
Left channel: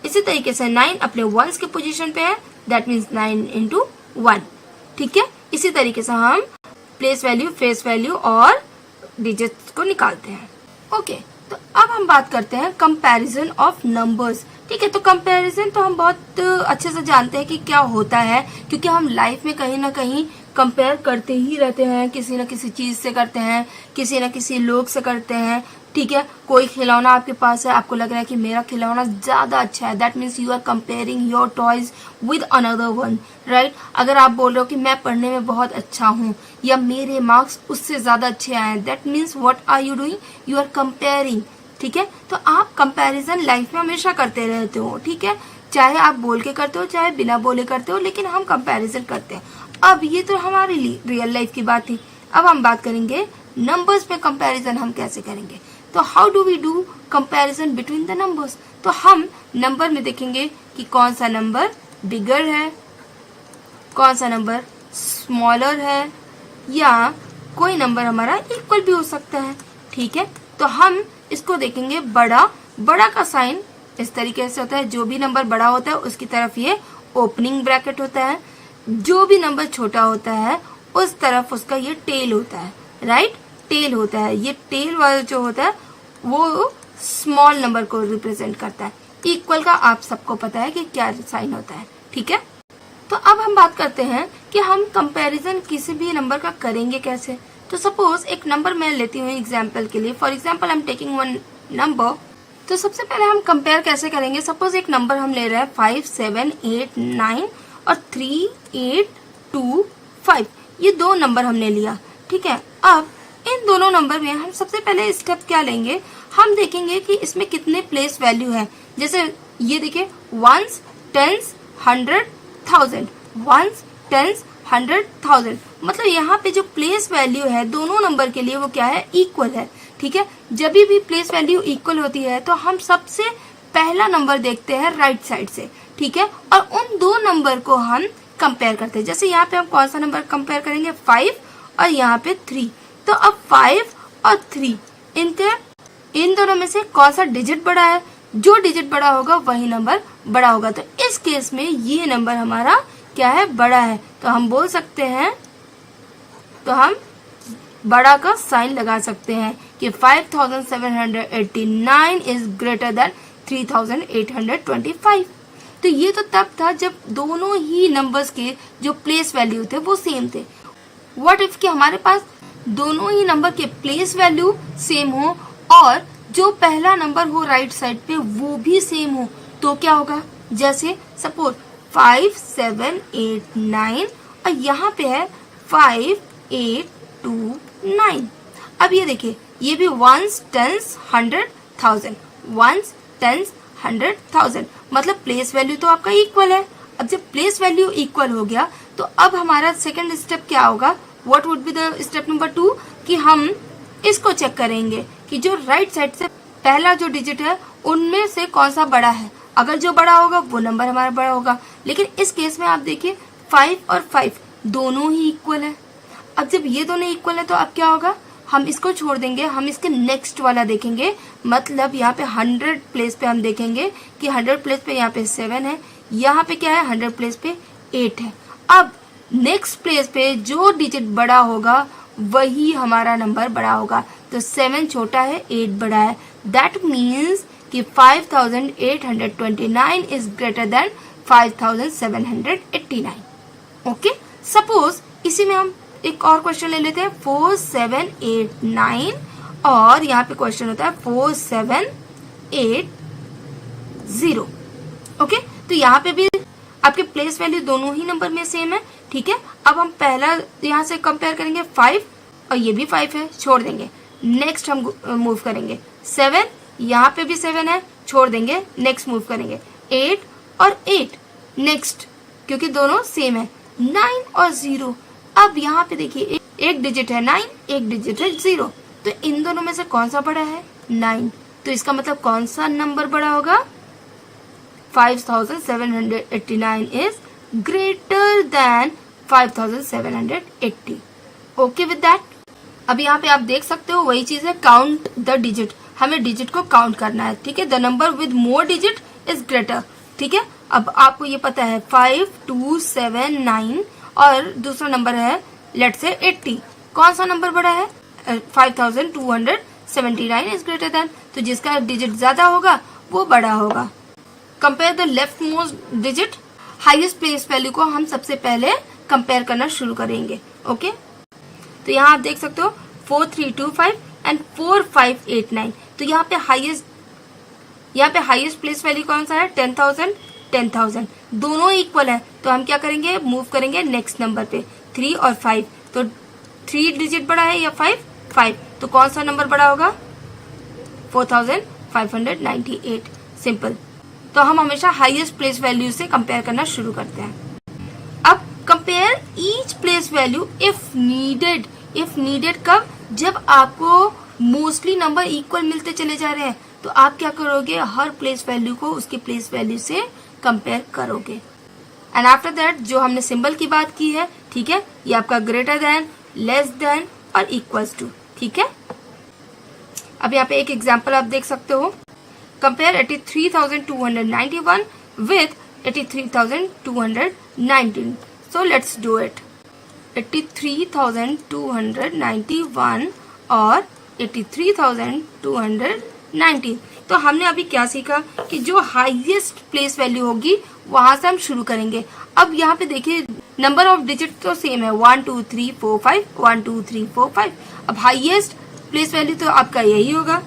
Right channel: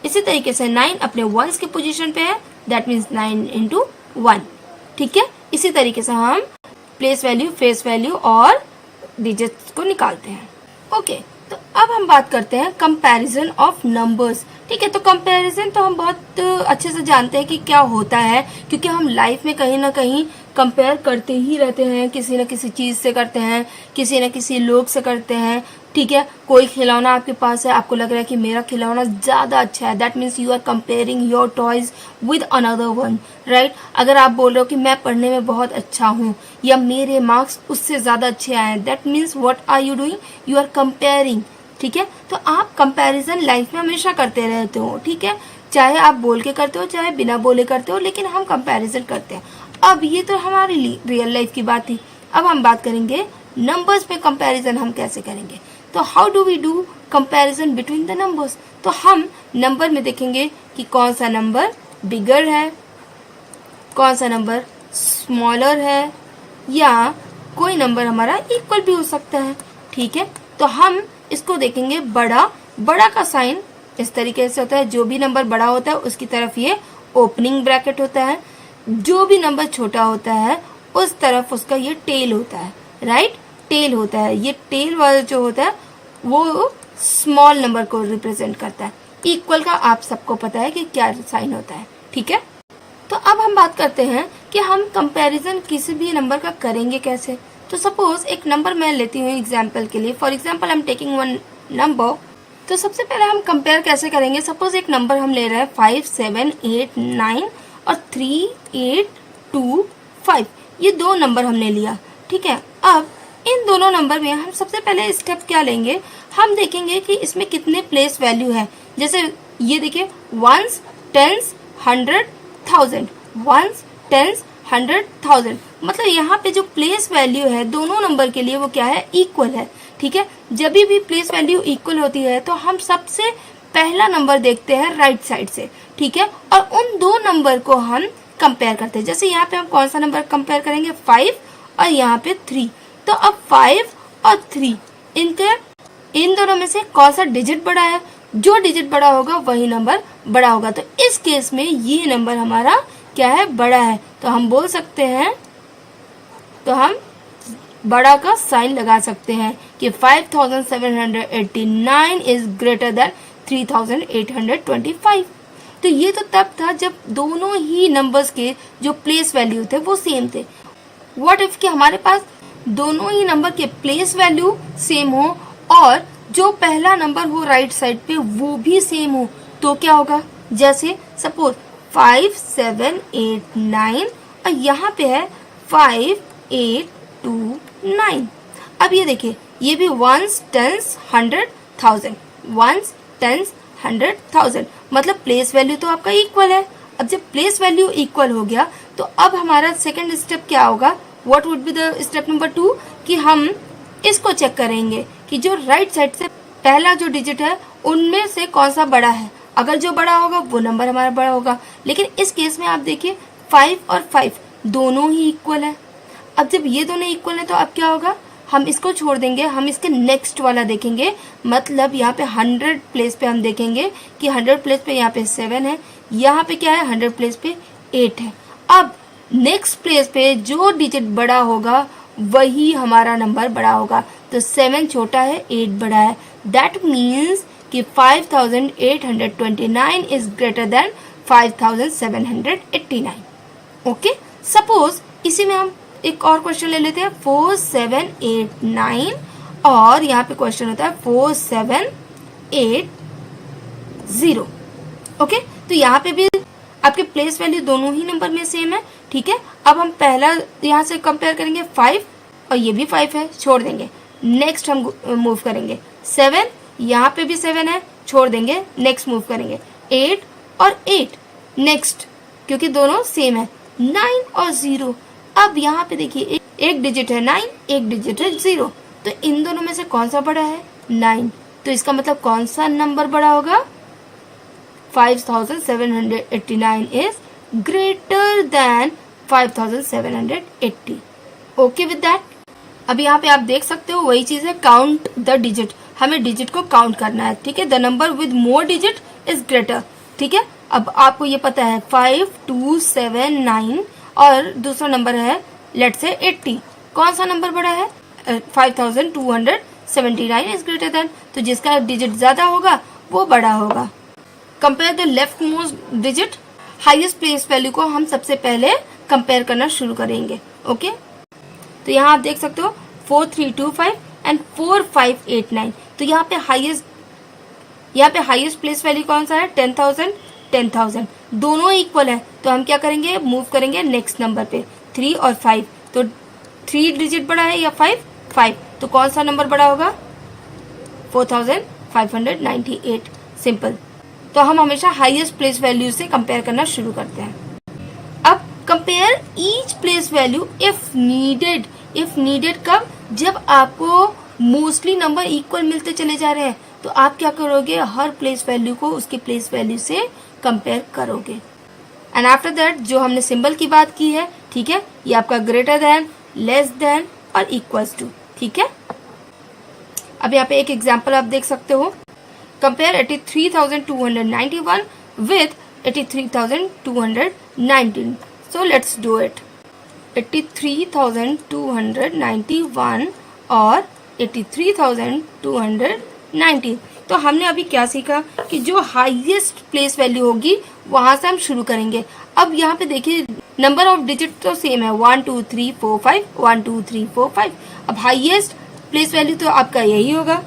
इसी तरीके से 9 अपने वंस के पोजीशन पे है, दैट मीन्स 9 into 1, ठीक है। इसी तरीके से हम प्लेस वैल्यू, फेस वैल्यू और डिजिट्स को निकालते हैं, ओके। तो अब हम बात करते हैं कंपैरिजन ऑफ नंबर्स, ठीक है। तो कंपैरिजन तो हम बहुत अच्छे से जानते हैं कि क्या होता है, क्योंकि हम लाइफ में कहीं ना कहीं कंपेयर करते ही रहते हैं, किसी न किसी चीज से करते हैं, किसी न किसी लोग से करते हैं। ठीक है, कोई खिलौना आपके पास है, आपको लग रहा है कि मेरा खिलौना ज्यादा अच्छा है, that means you are comparing your toys with another one, right. अगर आप बोल रहे हो कि मैं पढ़ने में बहुत अच्छा हूँ या मेरे मार्क्स उससे ज्यादा अच्छे आए हैं, that means what are you doing, you are comparing. ठीक है, तो आप कंपैरिजन लाइफ में हमेशा करते रहते हो। ठीक है, चाहे आप बोल के करते हो चाहे बिना बोले करते हो, लेकिन हम कंपैरिजन करते हैं। अब ये तो हमारी रियल लाइफ की बात थी। अब हम बात करेंगे नंबर्स पे कंपैरिजन हम कैसे करेंगे। तो how do we do comparison between the numbers. तो हम नंबर में देखेंगे कि कौन सा नंबर बिगर है, कौन सा नंबर स्मॉलर है, या कोई नंबर हमारा इक्वल भी हो सकता है। ठीक है, तो हम इसको देखेंगे बड़ा। बड़ा का साइन इस तरीके से होता है, जो भी नंबर बड़ा होता है उसकी तरफ ये ओपनिंग ब्रैकेट होता है, जो भी नंबर छोटा होता है उस तरफ उसका ये टेल होता है, राइट, टेल होता है। ये टेल वाला जो होता है वो स्मॉल नंबर को रिप्रेजेंट करता है। इक्वल का आप सबको पता है कि क्या साइन होता है। ठीक है, तो अब हम बात करते हैं कि हम कंपैरिजन किसी भी नंबर का करेंगे कैसे। तो सपोज एक नंबर मैं लेती हूँ एग्जाम्पल के लिए, for example I am taking one number. तो सबसे पहले हम कंपेयर कैसे करेंगे। सपोज एक नंबर हम ले रहे हैं 5, 7, 8, 9 और 3, 8, 2, 5, ये दो नंबर हमने लिया। ठीक है, अब इन दोनों नंबर में हम सबसे पहले स्टेप क्या लेंगे, हम देखेंगे कि इसमें कितने प्लेस वैल्यू है। जैसे ये देखिए, वंस, टेंस, 100, 1000, वंस, टेंस, 100, 1000, मतलब यहाँ पे जो प्लेस वैल्यू है दोनों नंबर के लिए वो क्या है, इक्वल है। ठीक है, जब भी प्लेस वैल्यू इक्वल होती है तो हम सबसे पहला नंबर देखते हैं राइट साइड से। ठीक है, और उन दो नंबर को हम कंपेयर करते हैं। जैसे यहाँ पे हम कौन सा नंबर कंपेयर करेंगे, 5 और यहाँ पे 3। तो अब 5 और 3 इन दोनों में से कौन सा डिजिट बड़ा है, जो डिजिट बड़ा होगा वही नंबर बड़ा होगा। तो इस केस में ये नंबर हमारा क्या है, बड़ा है। तो हम बोल सकते हैं, तो हम बड़ा का साइन लगा सकते हैं कि 5789 इज ग्रेटर देन 3825। तो ये तो तब था जब दोनों ही नंबर्स के जो प्लेस वैल्यू थे वो सेम थे। व्हाट इफ कि हमारे पास दोनों ही नंबर के प्लेस वैल्यू सेम हो और जो पहला नंबर हो राइट साइड पे वो भी सेम हो, तो क्या होगा। जैसे सपोज 5, 7, 8, 9 और यहाँ पे है 5, 8, 2, 9। अब ये देखिए, ये भी वंस, टेंस, 100, 1000, वंस, टेंस, 100, 1000, मतलब प्लेस वैल्यू तो आपका इक्वल है। अब जब प्लेस वैल्यू इक्वल हो गया तो अब हमारा सेकंड स्टेप क्या होगा, what would be the step number 2, कि हम इसको चेक करेंगे कि जो राइट साइड से पहला जो डिजिट है उनमें से कौन सा बड़ा है। अगर जो बड़ा होगा वो नंबर हमारा बड़ा होगा। लेकिन इस केस में आप देखिए 5 और 5 दोनों ही इक्वल है। अब जब ये दोनों इक्वल है तो अब क्या होगा, हम इसको छोड़ देंगे, हम इसके नेक्स्ट वाला देखेंगे। मतलब यहाँ पे 100 प्लेस पे हम देखेंगे कि 100 प्लेस पे यहाँ पे 7 है, यहाँ पे क्या है 100 प्लेस पे 8 है। अब नेक्स्ट प्लेस पे जो डिजिट बड़ा होगा वही हमारा नंबर बड़ा होगा। तो 7 छोटा है, 8 बड़ा है। दैट मीन्स कि 5829 is greater then 5789। Okay, suppose इसी में हम एक और क्वेश्चन ले लेते हैं 4, 7, 8, 9 और यहाँ पे क्वेश्चन होता है 4, 7, 8, 0। ओके, तो यहाँ पे भी आपके प्लेस वैल्यू दोनों ही नंबर में सेम है। ठीक है, अब हम पहला यहाँ से कंपेयर करेंगे 5 और ये भी 5 है, छोड़ देंगे। नेक्स्ट हम मूव करेंगे 7, यहाँ पे भी 7 है, छोड़ देंगे। नेक्स्ट मूव करेंगे 8 और 8, नेक्स्ट क्योंकि दोनों सेम है। 9 और 0, अब यहाँ पे देखिए एक डिजिट है 9, एक डिजिट है 0, तो इन दोनों में से कौन सा बड़ा है, 9। तो इसका मतलब कौन सा नंबर बड़ा होगा, 5789 is greater then 5780। Okay with that. अब यहाँ पे आप देख सकते हो वही चीज है, काउंट द डिजिट, हमें डिजिट को काउंट करना है। ठीक है, the number with more digit is greater. ठीक है, अब आपको ये पता है 5, 2, 7, 9 और दूसरा नंबर है लेट से 80, कौन सा नंबर बड़ा है, 5279 इज ग्रेटर देन, तो जिसका डिजिट ज्यादा होगा वो बड़ा होगा। Compare the left most digit, highest place value को हम सबसे पहले कंपेयर करना शुरू करेंगे। ओके, तो यहाँ आप देख सकते हो 4325 एंड 4589। तो यहाँ पे हाईएस्ट प्लेस वैल्यू कौन सा है? 10,000 10,000, दोनों इक्वल है। तो हम क्या करेंगे? मूव करेंगे नेक्स्ट नंबर पे, 3 और 5। तो 3 डिजिट बड़ा है या 5? 5। तो कौन सा नंबर बड़ा होगा? 4598। सिंपल। तो हम हमेशा हाईएस्ट प्लेस वैल्यू से कंपेयर करना शुरू करते हैं। अब compare each place value if needed. If needed कब? जब आपको मोस्टली नंबर इक्वल मिलते चले जा रहे हैं, तो आप क्या करोगे? हर प्लेस वैल्यू को उसके प्लेस वैल्यू से कंपेयर करोगे। एंड आफ्टर दैट जो हमने सिंबल की बात की है, ठीक है, ये आपका ग्रेटर देन, लेस देन और इक्वल्स टू, ठीक है। अब यहाँ पे एक एग्जांपल आप देख सकते हो। Compare 83,291 with 83,219। So let's do it. 83,291 और 83,219। तो हमने अभी क्या सीखा कि जो हाईएस्ट प्लेस वैल्यू होगी वहां से हम शुरू करेंगे। अब यहाँ पे देखिए नंबर ऑफ डिजिट तो सेम है, 1 2 3 4 5, 1 2 3 4 5। अब हाईएस्ट प्लेस वैल्यू तो आपका यही होगा,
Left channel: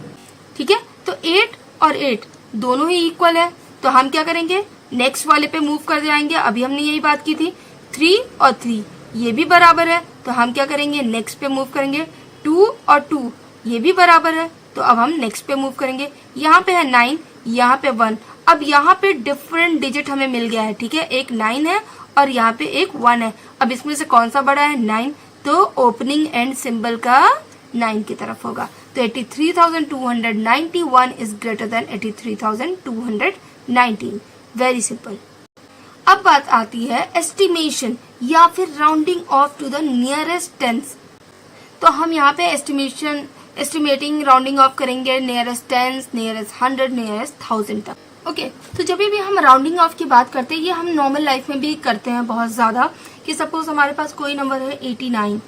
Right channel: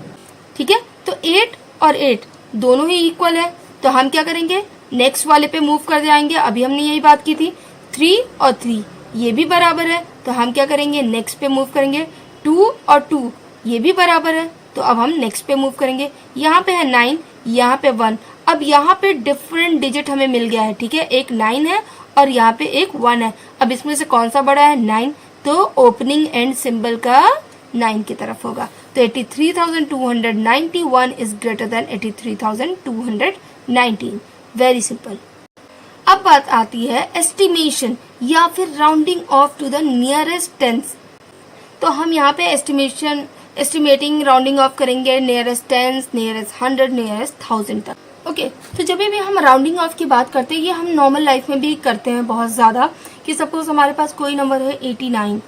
ठीक है। तो 8 और 8 दोनों ही इक्वल है, तो हम क्या करेंगे? नेक्स्ट वाले पे मूव कर जाएंगे। अभी हमने यही बात की थी। 3 और 3 ये भी बराबर है, तो हम क्या करेंगे? नेक्स्ट पे मूव करेंगे। 2 और 2 ये भी बराबर है, तो अब हम नेक्स्ट पे मूव करेंगे। यहाँ पे है 9, यहाँ पे 1। अब यहाँ पे डिफरेंट डिजिट हमें मिल गया है, ठीक है। एक 9 है और यहाँ पे एक 1 है। अब इसमें से कौन सा बड़ा है? 9। तो ओपनिंग एंड सिंबल का 9 की तरफ होगा। तो 83,291 is greater than 83,219। Very simple. अब बात आती है एस्टिमेशन या फिर rounding off to the nearest tens. तो हम यहाँ पे एस्टिमेटिंग राउंडिंग ऑफ करेंगे नियरेस्ट टेंस, नियरेस्ट 100, नियरेस्ट 1000 तक। ओके, तो जब भी हम राउंडिंग ऑफ की बात करते हैं, ये हम नॉर्मल लाइफ में भी करते हैं बहुत ज्यादा। कि सपोज हमारे पास कोई नंबर है 89,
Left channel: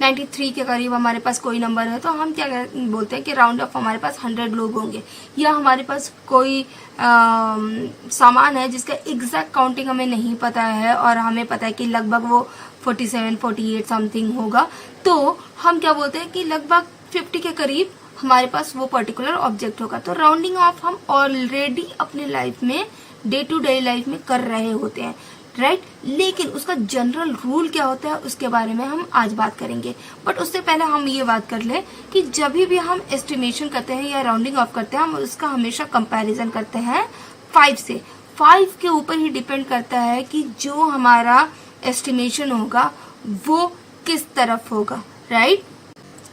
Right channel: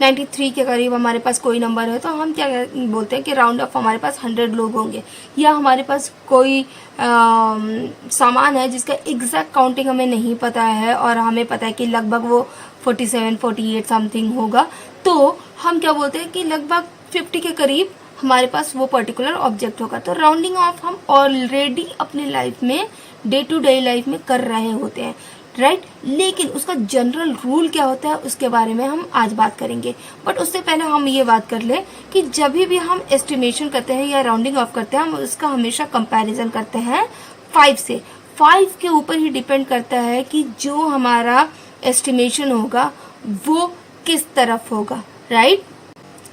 93 के करीब हमारे पास कोई नंबर है, तो हम क्या बोलते हैं कि राउंड ऑफ हमारे पास 100 लोग होंगे। या हमारे पास कोई सामान है जिसका एग्जैक्ट काउंटिंग हमें नहीं पता है और हमें पता है कि लगभग वो 47, 48 समथिंग होगा, तो हम क्या बोलते हैं कि लगभग 50 के करीब हमारे पास वो पर्टिकुलर ऑब्जेक्ट होगा। तो राउंडिंग ऑफ हम ऑलरेडी अपने लाइफ में, डे टू डे लाइफ में कर रहे होते हैं, राइट। लेकिन उसका जनरल रूल क्या होता है उसके बारे में हम आज बात करेंगे। बट उससे पहले हम ये बात कर ले कि जब भी हम एस्टिमेशन करते हैं या राउंडिंग ऑफ करते हैं, हम उसका हमेशा कंपैरिजन करते हैं 5 से। 5 के ऊपर ही डिपेंड करता है कि जो हमारा एस्टिमेशन होगा वो किस तरफ होगा, राइट।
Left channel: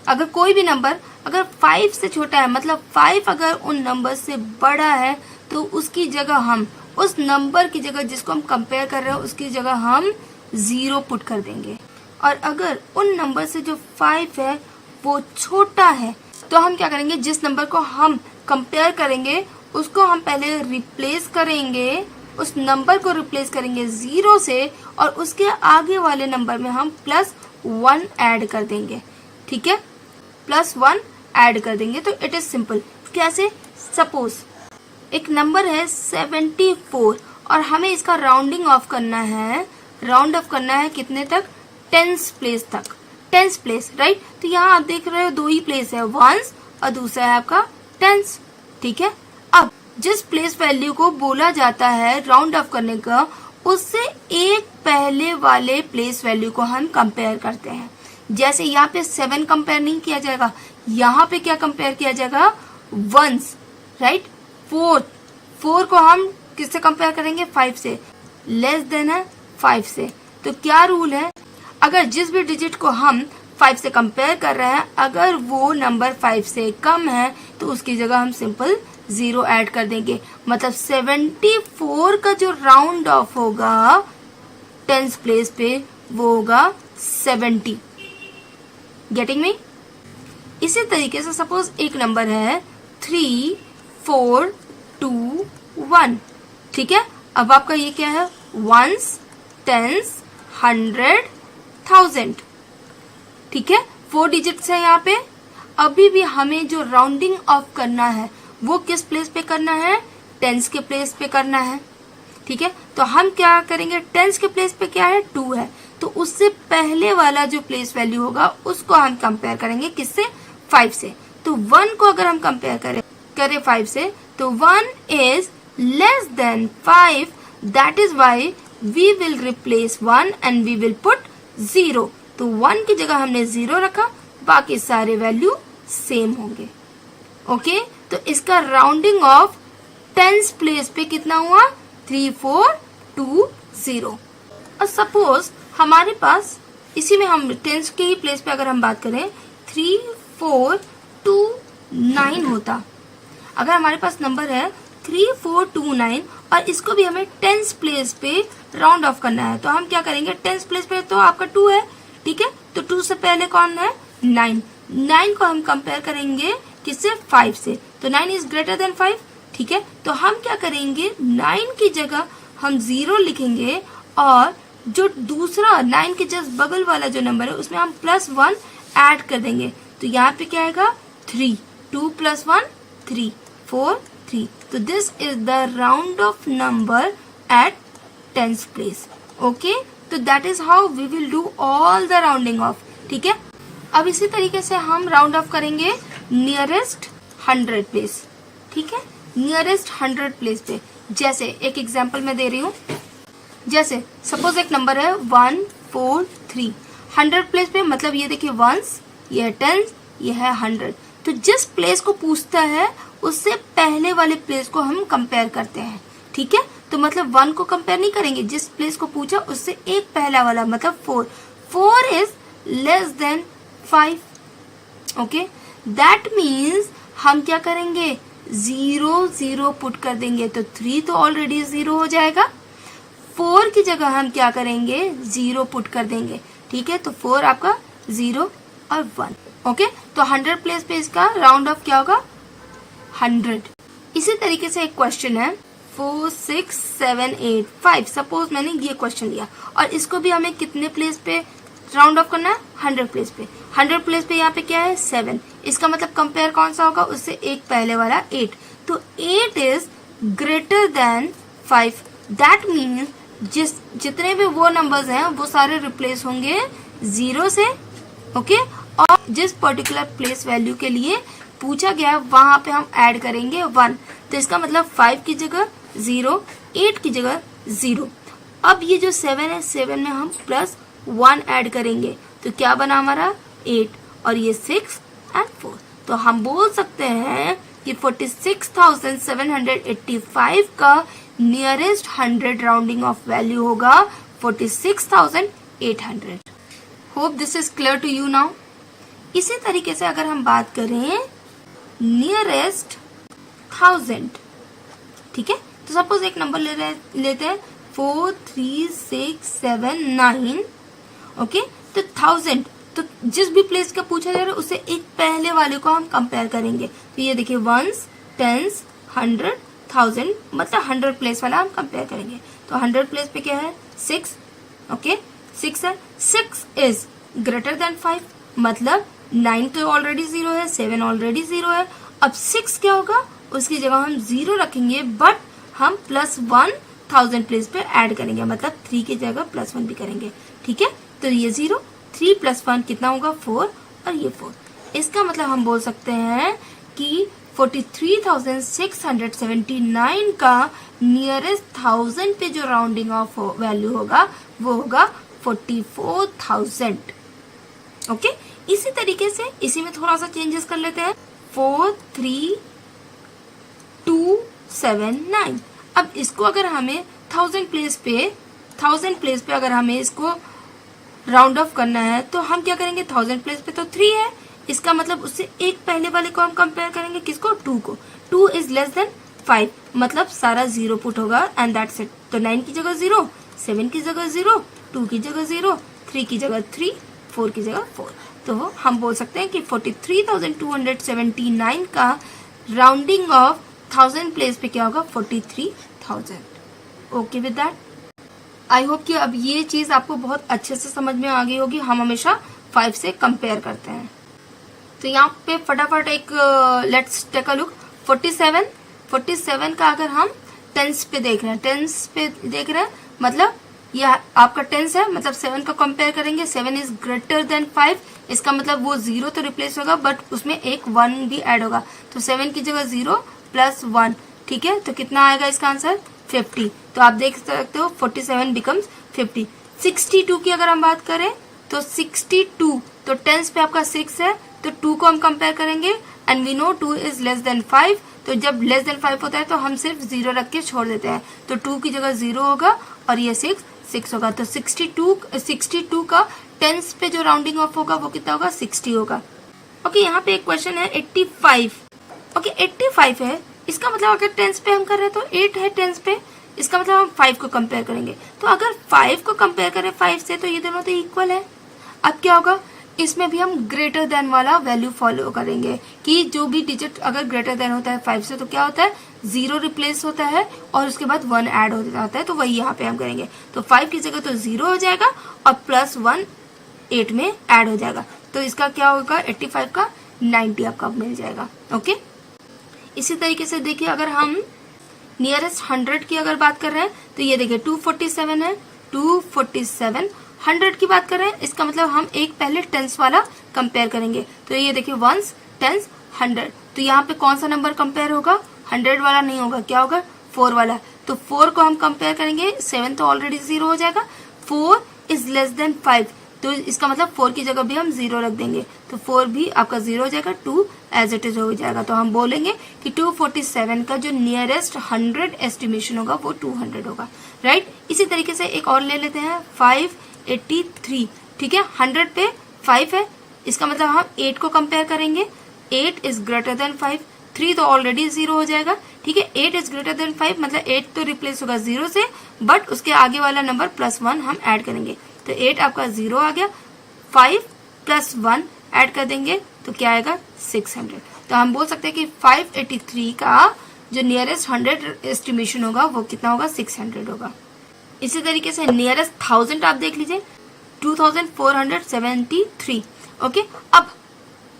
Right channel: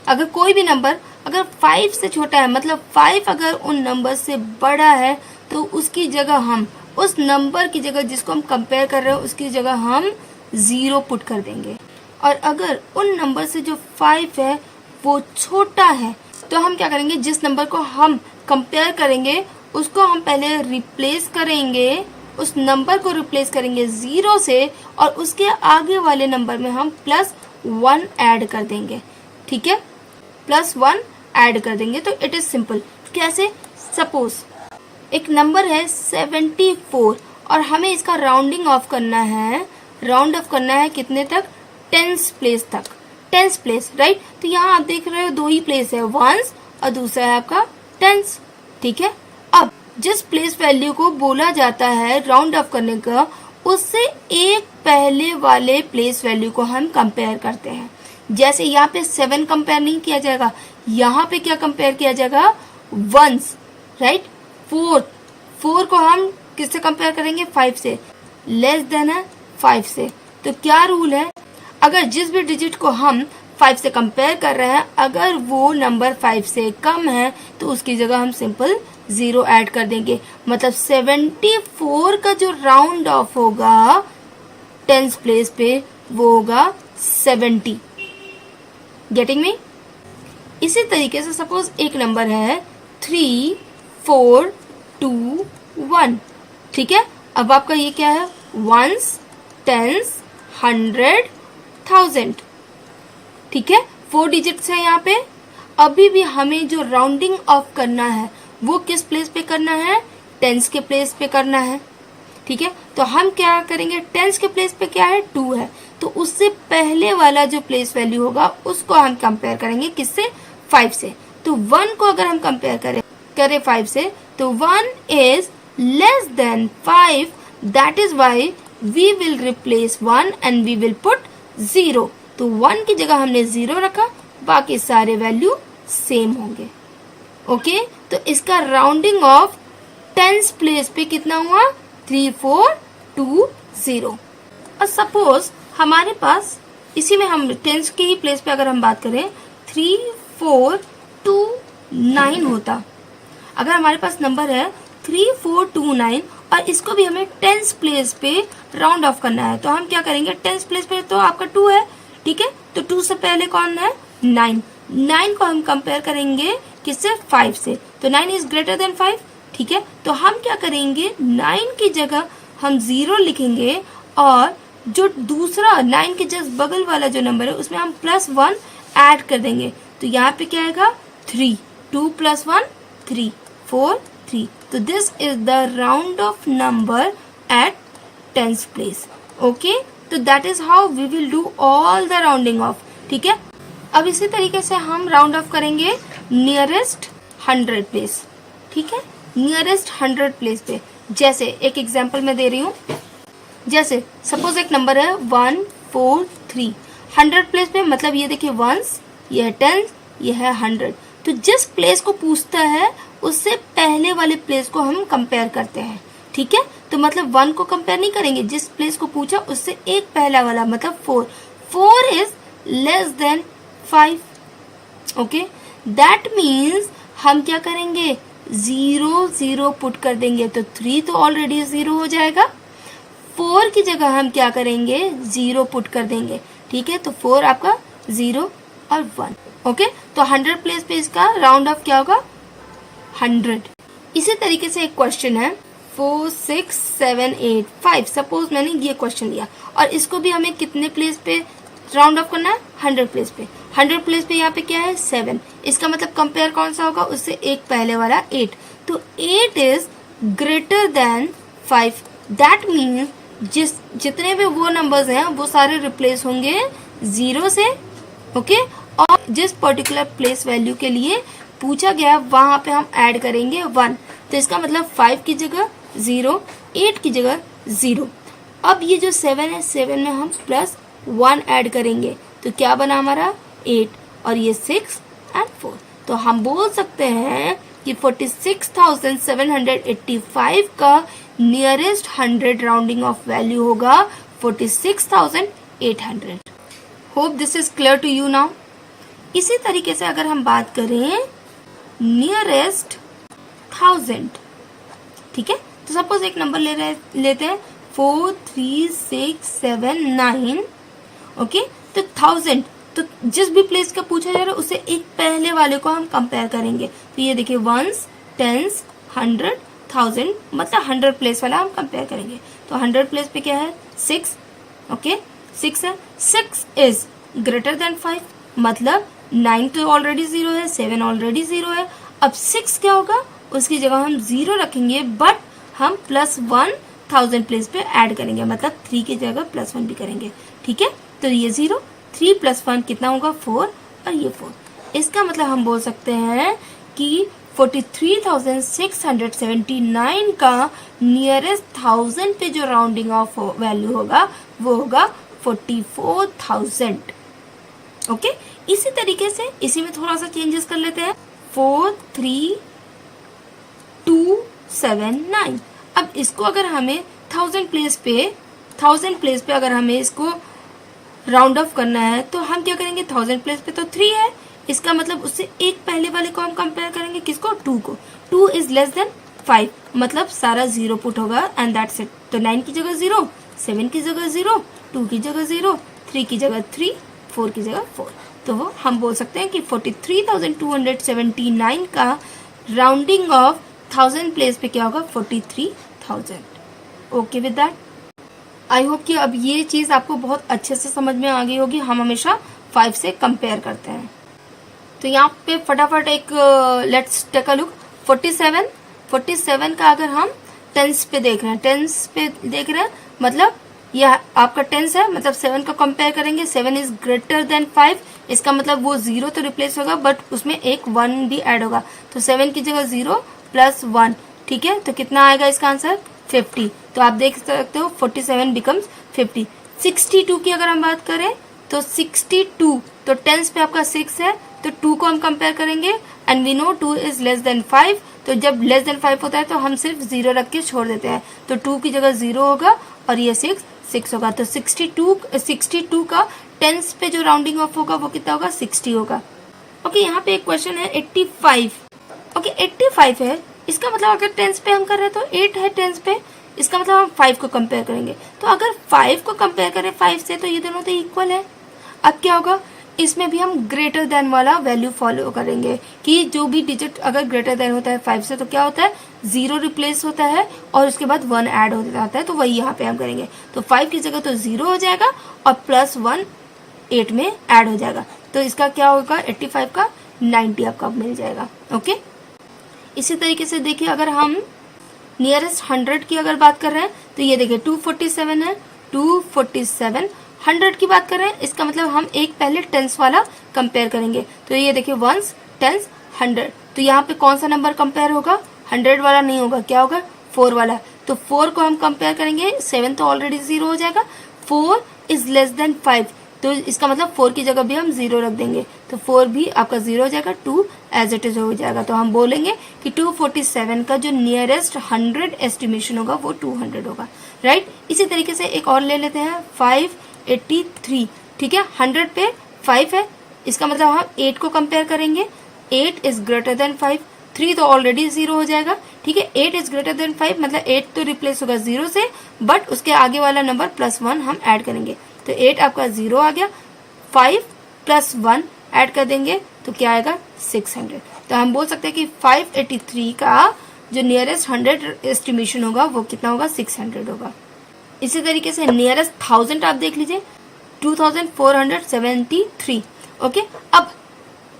अगर कोई भी नंबर अगर 5 से छोटा है, मतलब 5 अगर उन नंबर से बड़ा है, तो उसकी जगह हम उस नंबर की जगह जिसको हम कंपेयर कर रहे हैं उसकी जगह हम 0 पुट कर देंगे। और अगर उन नंबर से जो 5 है वो छोटा है, तो हम क्या करेंगे? जिस नंबर को हम कंपेयर करेंगे उसको हम पहले रिप्लेस करेंगे, उस नंबर को रिप्लेस करेंगे 0 से, और उसके आगे वाले नंबर में हम +1 ऐड कर देंगे, ठीक है। +1 ऐड कर देंगे। तो इट इज सिंपल। कैसे? सपोज एक नंबर है 74 और हमें इसका राउंडिंग ऑफ करना है। राउंड ऑफ करना है कितने तक? 10th प्लेस तक, 10th प्लेस, राइट। तो यहाँ आप देख रहे हो 2 ही प्लेस है, 1s और दूसरा है आपका 10th, ठीक है। अब जिस प्लेस वैल्यू को बोला जाता है राउंड ऑफ करने का, उससे एक पहले वाले प्लेस वैल्यू को हम कंपेयर करते हैं। जैसे यहाँ पे 7 कंपेयर नहीं किया जाएगा, यहाँ पे क्या कंपेयर किया जाएगा? 1s, right. 4 को हम किससे कंपेयर करेंगे? 5 से। लेस देन है 5 से। तो क्या रूल है? अगर जिस भी डिजिट को हम 5 से कंपेयर कर रहे हैं, अगर वो नंबर 5 से कम है, तो उसकी जगह हम सिंपल 0 ऐड कर देंगे। मतलब 74 का जो राउंड ऑफ होगा 10th प्लेस पे, वो होगा 70। Getting me? इसी तरीके से सपोज एक नंबर है 3 4 2 1, ठीक है। अब आपका ये क्या है? 1s 10s 100 1000, ठीक है। 4 डिजिट्स है यहाँ पे। अभी भी हमें जो राउंडिंग ऑफ करना है वो किस प्लेस पे करना है? टेंस के प्लेस पे करना है, ठीक है। तो हम क्या करेंगे, टेंस के प्लेस पे क्या है, 2 है, तो उससे पहले वाला जो प्लेस वैल्यू होगा उसको हम कंपेयर करेंगे किससे, 5 से। तो 1 को अगर हम कंपेयर करें 5 से, तो 1 is less than 5, that is why we will replace 1 and we will put 0। तो 1 की जगह हमने 0 रखा, बाकी सारे वैल्यू सेम होंगे। ओके, तो इसका राउंडिंग ऑफ टेंस प्लेस पे कितना हुआ, 3 4 2 0। और सपोज हमारे पास इसी में हम टेंस के ही प्लेस पे अगर हम बात करें 3 4 2 9 होता, अगर हमारे पास नंबर है 3 4 2 9 और इसको भी हमें टेंस प्लेस पे राउंड ऑफ करना है, तो हम क्या करेंगे, टेंस प्लेस पे तो आपका 2 है, ठीक है, तो 2 से पहले कौन है, 9। 9 को हम कंपेयर करेंगे किससे, 5 से, तो 9 इज ग्रेटर देन 5, ठीक है। तो हम क्या करेंगे, 9 की जगह हम 0 लिखेंगे और जो दूसरा 9 के जस्ट बगल वाला जो नंबर है उसमें हम +1 ऐड कर देंगे, तो यहाँ पे क्या आएगा, 3, 2 + 1 3 4 3। तो this is the round off number at tens place. Okay, तो that is how we will do all the rounding off, ठीक है। अब इसी तरीके से हम राउंड ऑफ करेंगे नियरेस्ट 100 प्लेस, ठीक है, नियरेस्ट 100 प्लेस पे। जैसे एक एग्जांपल मैं दे रही हूँ, जैसे सपोज एक नंबर है 1 4 3, 100 प्लेस पे, मतलब ये देखिए 1s, ये है 10s, ये है 100। तो जिस प्लेस को पूछता है उससे पहले वाले प्लेस को हम कंपेयर करते हैं, ठीक है। तो मतलब 1 को कंपेयर नहीं करेंगे, जिस प्लेस को पूछा उससे एक पहला वाला, मतलब 4 is less than 5। Okay, that means हम क्या करेंगे, 0 0 पुट कर देंगे, तो 3 तो ऑलरेडी 0 हो जाएगा। 4 की जगह हम क्या करेंगे, 0 पुट कर देंगे, ठीक है, तो 4 आपका 0 और 1। ओके, तो 100 प्लेस पे इसका राउंड ऑफ क्या होगा, 100। इसी तरीके से एक क्वेश्चन है 4 6 7 8 5, सपोज मैंने ये क्वेश्चन लिया और इसको भी हमें कितने प्लेस पे राउंड ऑफ करना है, 100 प्लेस पे। 100 प्लेस पे यहाँ पे क्या है, 7, इसका मतलब कंपेयर कौन सा होगा, उससे एक पहले वाला 8। तो 8 is greater then 5, that means जितने भी वो नंबर्स हैं वो सारे रिप्लेस होंगे 0 से। ओके, और जिस पर्टिकुलर प्लेस वैल्यू के लिए पूछा गया वहां पे हम ऐड करेंगे 1, तो इसका मतलब 5 की जगह 0, 8 की जगह 0। अब ये जो 7 है, 7 में हम +1 ऐड करेंगे, तो क्या बना हमारा 8, और ये 6 और 4। तो हम बोल सकते हैं कि 46,785 का नियरेस्ट 100 राउंडिंग ऑफ वैल्यू होगा 46,800। Hope this is clear to you now. इसी तरीके से अगर हम बात करें नियरेस्ट 1000, ठीक है, तो सपोज एक नंबर लेते हैं 4 3 6 7 9। ओके, तो 1000, तो जिस भी प्लेस का पूछा जा रहा है उससे एक पहले वाले को हम कंपेयर करेंगे, तो ये देखिए 1s 10s 100 1000, मतलब 100 प्लेस वाला हम कंपेयर करेंगे। तो 100 प्लेस पे क्या है, 6। ओके, 6 है, 6 इज ग्रेटर देन 5, मतलब 9 तो ऑलरेडी 0 है, 7 ऑलरेडी 0 है। अब 6 क्या होगा, उसकी जगह हम 0 रखेंगे, बट हम +1 1000 प्लेस पे ऐड करेंगे, मतलब 3 की जगह +1 भी करेंगे, ठीक है। तो ये 0, 3 + 1 कितना होगा, 4, और ये 4। इसका मतलब हम बोल सकते हैं कि 43,679 का नियरेस्ट 1000 पे जो राउंडिंग ऑफ वैल्यू होगा वो होगा 44,000। ओके, इसी तरीके से इसी में थोड़ा सा चेंजेस कर लेते हैं, 43,279। अब इसको अगर हमें 1000 प्लेस पे अगर हमें इसको राउंड ऑफ करना है, तो हम क्या करेंगे, 1000 प्लेस पे तो 3 है, इसका मतलब उससे एक पहले वाले को हम कंपेयर करेंगे, किसको, 2 को। 2 इज लेस देन 5, मतलब सारा 0 पुट होगा एंड दैट्स इट। तो 9 की जगह 0, 7 की जगह 0, 2 की जगह 0, 3 की जगह 3, 4 की जगह 4। तो हम बोल सकते हैं कि 43,279 का राउंडिंग ऑफ 1000 प्लेस पे क्या होगा, 43,000। Okay with that, I hope कि अब ये चीज आपको बहुत अच्छे से समझ में आ गई होगी। हम हमेशा 5 से कंपेयर करते हैं। तो यहाँ पे फटाफट एक लेट्स टेक अ लुक, 47 47 का अगर हम टेंस पे देख रहे हैं, मतलब यह आपका टेंस है, मतलब 7 को कंपेयर करेंगे, 7 इज ग्रेटर देन 5, इसका मतलब वो 0 तो रिप्लेस होगा बट उसमें एक 1 भी ऐड होगा, तो 7 की जगह 0 प्लस 1, ठीक है। तो कितना आएगा इसका आंसर 50। तो आप देख सकते हो 47 बिकम्स 50। 62 की अगर हम बात करें तो 62, तो टेंस पे आपका 6 है, तो 2 को हम कंपेयर करेंगे and we know 2 is less than 5, तो जब लेस देन 5 होता है तो हम सिर्फ 0 रख के छोड़ देते हैं, तो 2 की जगह 0 होगा और ये 6 होगा। तो 62 का टेंस पे जो राउंडिंग ऑफ होगा वो कितना होगा 60 होगा। ओके, यहाँ पे एक क्वेश्चन है 85। ओके 85 है, इसका मतलब अगर टेंस पे हम कर रहे हैं तो 8 है टेंस पे, इसका मतलब हम 5 को कंपेयर करेंगे, तो अगर 5 को कंपेयर करें 5 से तो ये दोनों तो इक्वल है। अब क्या होगा, इसमें भी हम ग्रेटर देन वाला वैल्यू फॉलो करेंगे कि जो भी डिजिट अगर ग्रेटर देन होता है 5 से तो क्या होता है 0 रिप्लेस होता है और उसके बाद 1 ऐड हो जाता है, तो वही यहाँ पे हम करेंगे। तो 5 की जगह तो 0 हो जाएगा और प्लस 1 8 में ऐड हो जाएगा, तो इसका क्या होगा 85 का 90 आपका मिल जाएगा। ओके, इसी तरीके से देखिए अगर हम नियरेस्ट 100 की अगर बात कर रहे हैं तो ये देखिए 247 है, 247 100 की बात कर रहे हैं, इसका मतलब हम एक पहले टेंस वाला कंपेयर करेंगे, तो ये देखिए वंस टेंस 100, तो यहाँ पे कौन सा नंबर कंपेयर होगा 100 वाला नहीं होगा, क्या होगा 4 वाला, तो 4 को हम कंपेयर करेंगे, 7 तो ऑलरेडी 0 हो जाएगा, 4 इज लेस देन 5, तो इसका मतलब 4 की जगह भी हम 0 रख देंगे, तो 4 भी आपका 0 हो जाएगा, 2 एज इट इज हो जाएगा, तो हम बोलेंगे कि 247 का जो नियरेस्ट 100 एस्टिमेशन होगा वो 200 होगा, राइट। इसी तरीके से एक और ले लेते हैं 583, ठीक है, 100 पे 5 है, इसका मतलब हम 8 को कंपेयर करेंगे, 8 इज ग्रेटर देन 5, 3 तो ऑलरेडी 0 हो जाएगा, ठीक है, 8 इज ग्रेटर देन 5 मतलब 8 तो रिप्लेस होगा 0 से, बट उसके आगे वाला नंबर प्लस 1 हम ऐड करेंगे, तो 8 आपका 0 आ गया, 5 प्लस 1 ऐड कर देंगे तो क्या आएगा 600। तो हम बोल सकते हैं कि 583 का जो नियरेस्ट 100 एस्टिमेशन होगा वो कितना होगा 600 होगा। इसी तरीके से नियरेस्ट 1000 आप देख लीजिए 2473। ओके, अब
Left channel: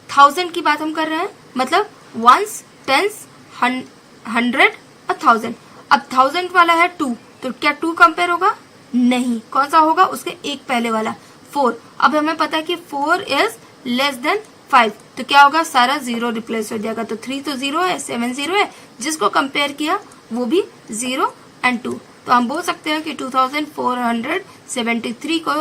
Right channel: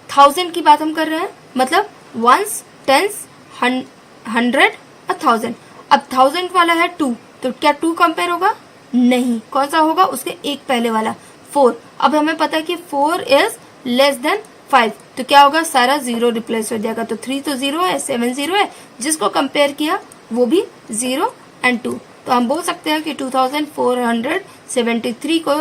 1000 की बात हम कर रहे हैं, मतलब वंस टेंस 100 और 1000। अब 1000 वाला है 2, तो क्या 2 कंपेयर होगा, नहीं, कौन सा होगा उसके एक पहले वाला 4। अब हमें पता है कि 4 इज लेस देन 5, तो क्या होगा सारा 0 रिप्लेस हो जाएगा, तो 3 तो 0 है, 7 0 है, जिसको कंपेयर किया वो भी 0 एंड 2, तो हम बोल सकते हैं कि 2473 को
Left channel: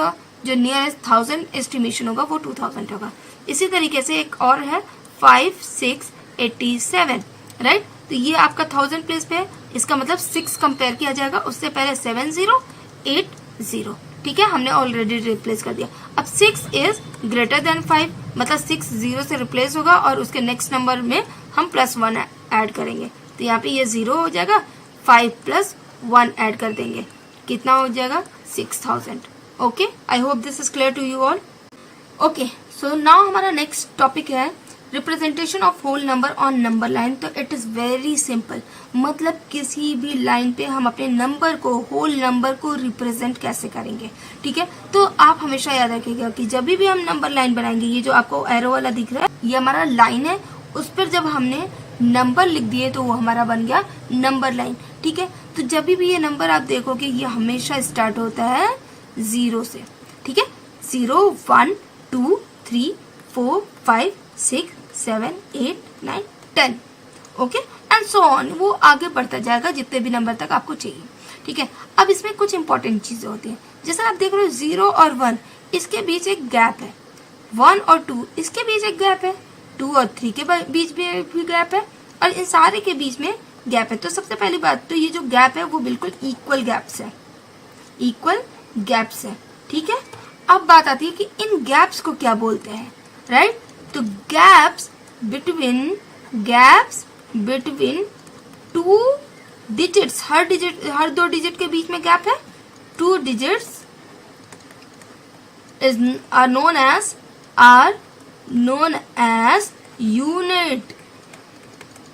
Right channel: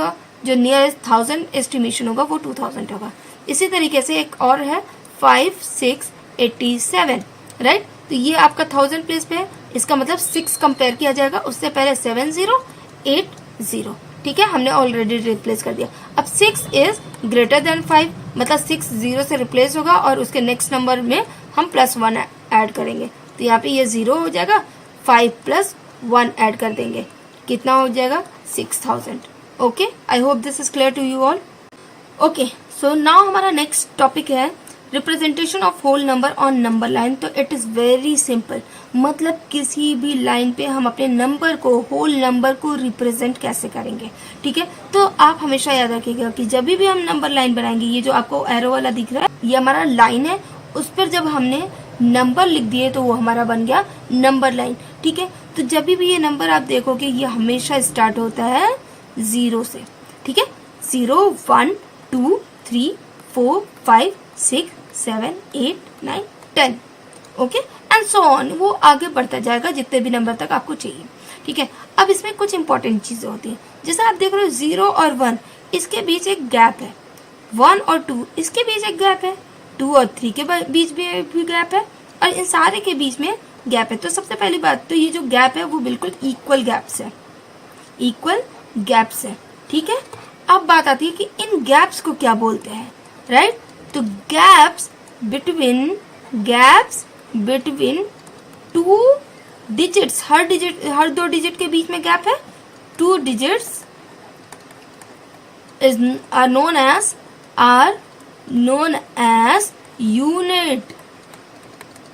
जो नियरेस्ट 1000 एस्टिमेशन होगा वो 2000 होगा। इसी तरीके से एक और है 5687, राइट, तो ये आपका 1000 प्लेस पे है, इसका मतलब 6 कंपेयर किया जाएगा, उससे पहले 7080, ठीक है, हमने ऑलरेडी रिप्लेस कर दिया। अब 6 इज ग्रेटर देन 5, मतलब 6 0 से रिप्लेस होगा और उसके नेक्स्ट नंबर में हम प्लस 1 ऐड करेंगे, तो यहाँ पे ये 0 हो जाएगा, 5 प्लस 1 ऐड कर देंगे, कितना हो जाएगा 6000। Okay, I hope this is clear to you all. Okay, so now हमारा नेक्स्ट टॉपिक है representation of whole number on number line. तो इट इज वेरी सिंपल, मतलब किसी भी लाइन पे हम अपने नंबर को, होल नंबर को रिप्रेजेंट कैसे करेंगे, ठीक है। तो आप हमेशा याद रखिएगा कि जब भी हम नंबर लाइन बनाएंगे, ये जो आपको एरो वाला दिख रहा है ये हमारा लाइन है, उस पर जब हमने नंबर लिख दिए तो वो हमारा बन गया नंबर लाइन, ठीक है। तो जब भी ये नंबर आप देखोगे ये हमेशा स्टार्ट होता है 0 से, ठीक है, 0 1 2 3 4 5 6 7 8 9 10, ओके एंड सो ऑन, वो आगे बढ़ता जाएगा जितने भी नंबर तक आपको चाहिए, ठीक है। अब इसमें कुछ इंपॉर्टेंट चीजें होती हैं, जैसे आप देख रहे हो 0 और 1 इसके बीच एक गैप है, 1 और 2 इसके बीच एक गैप है, 2 और 3 के बीच में भी गैप है, और इन सारे के बीच में गैप है। तो सबसे पहली बात तो ये जो गैप है वो बिल्कुल इक्वल गैप्स है, इक्वल गैप्स है, ठीक है। अब बात आती है कि इन गैप्स को क्या बोलते हैं, राइट। तो गैप्स बिटवीन टू डिजिट्स, हर 2 डिजिट के बीच में गैप है, 2 digits are known as unit,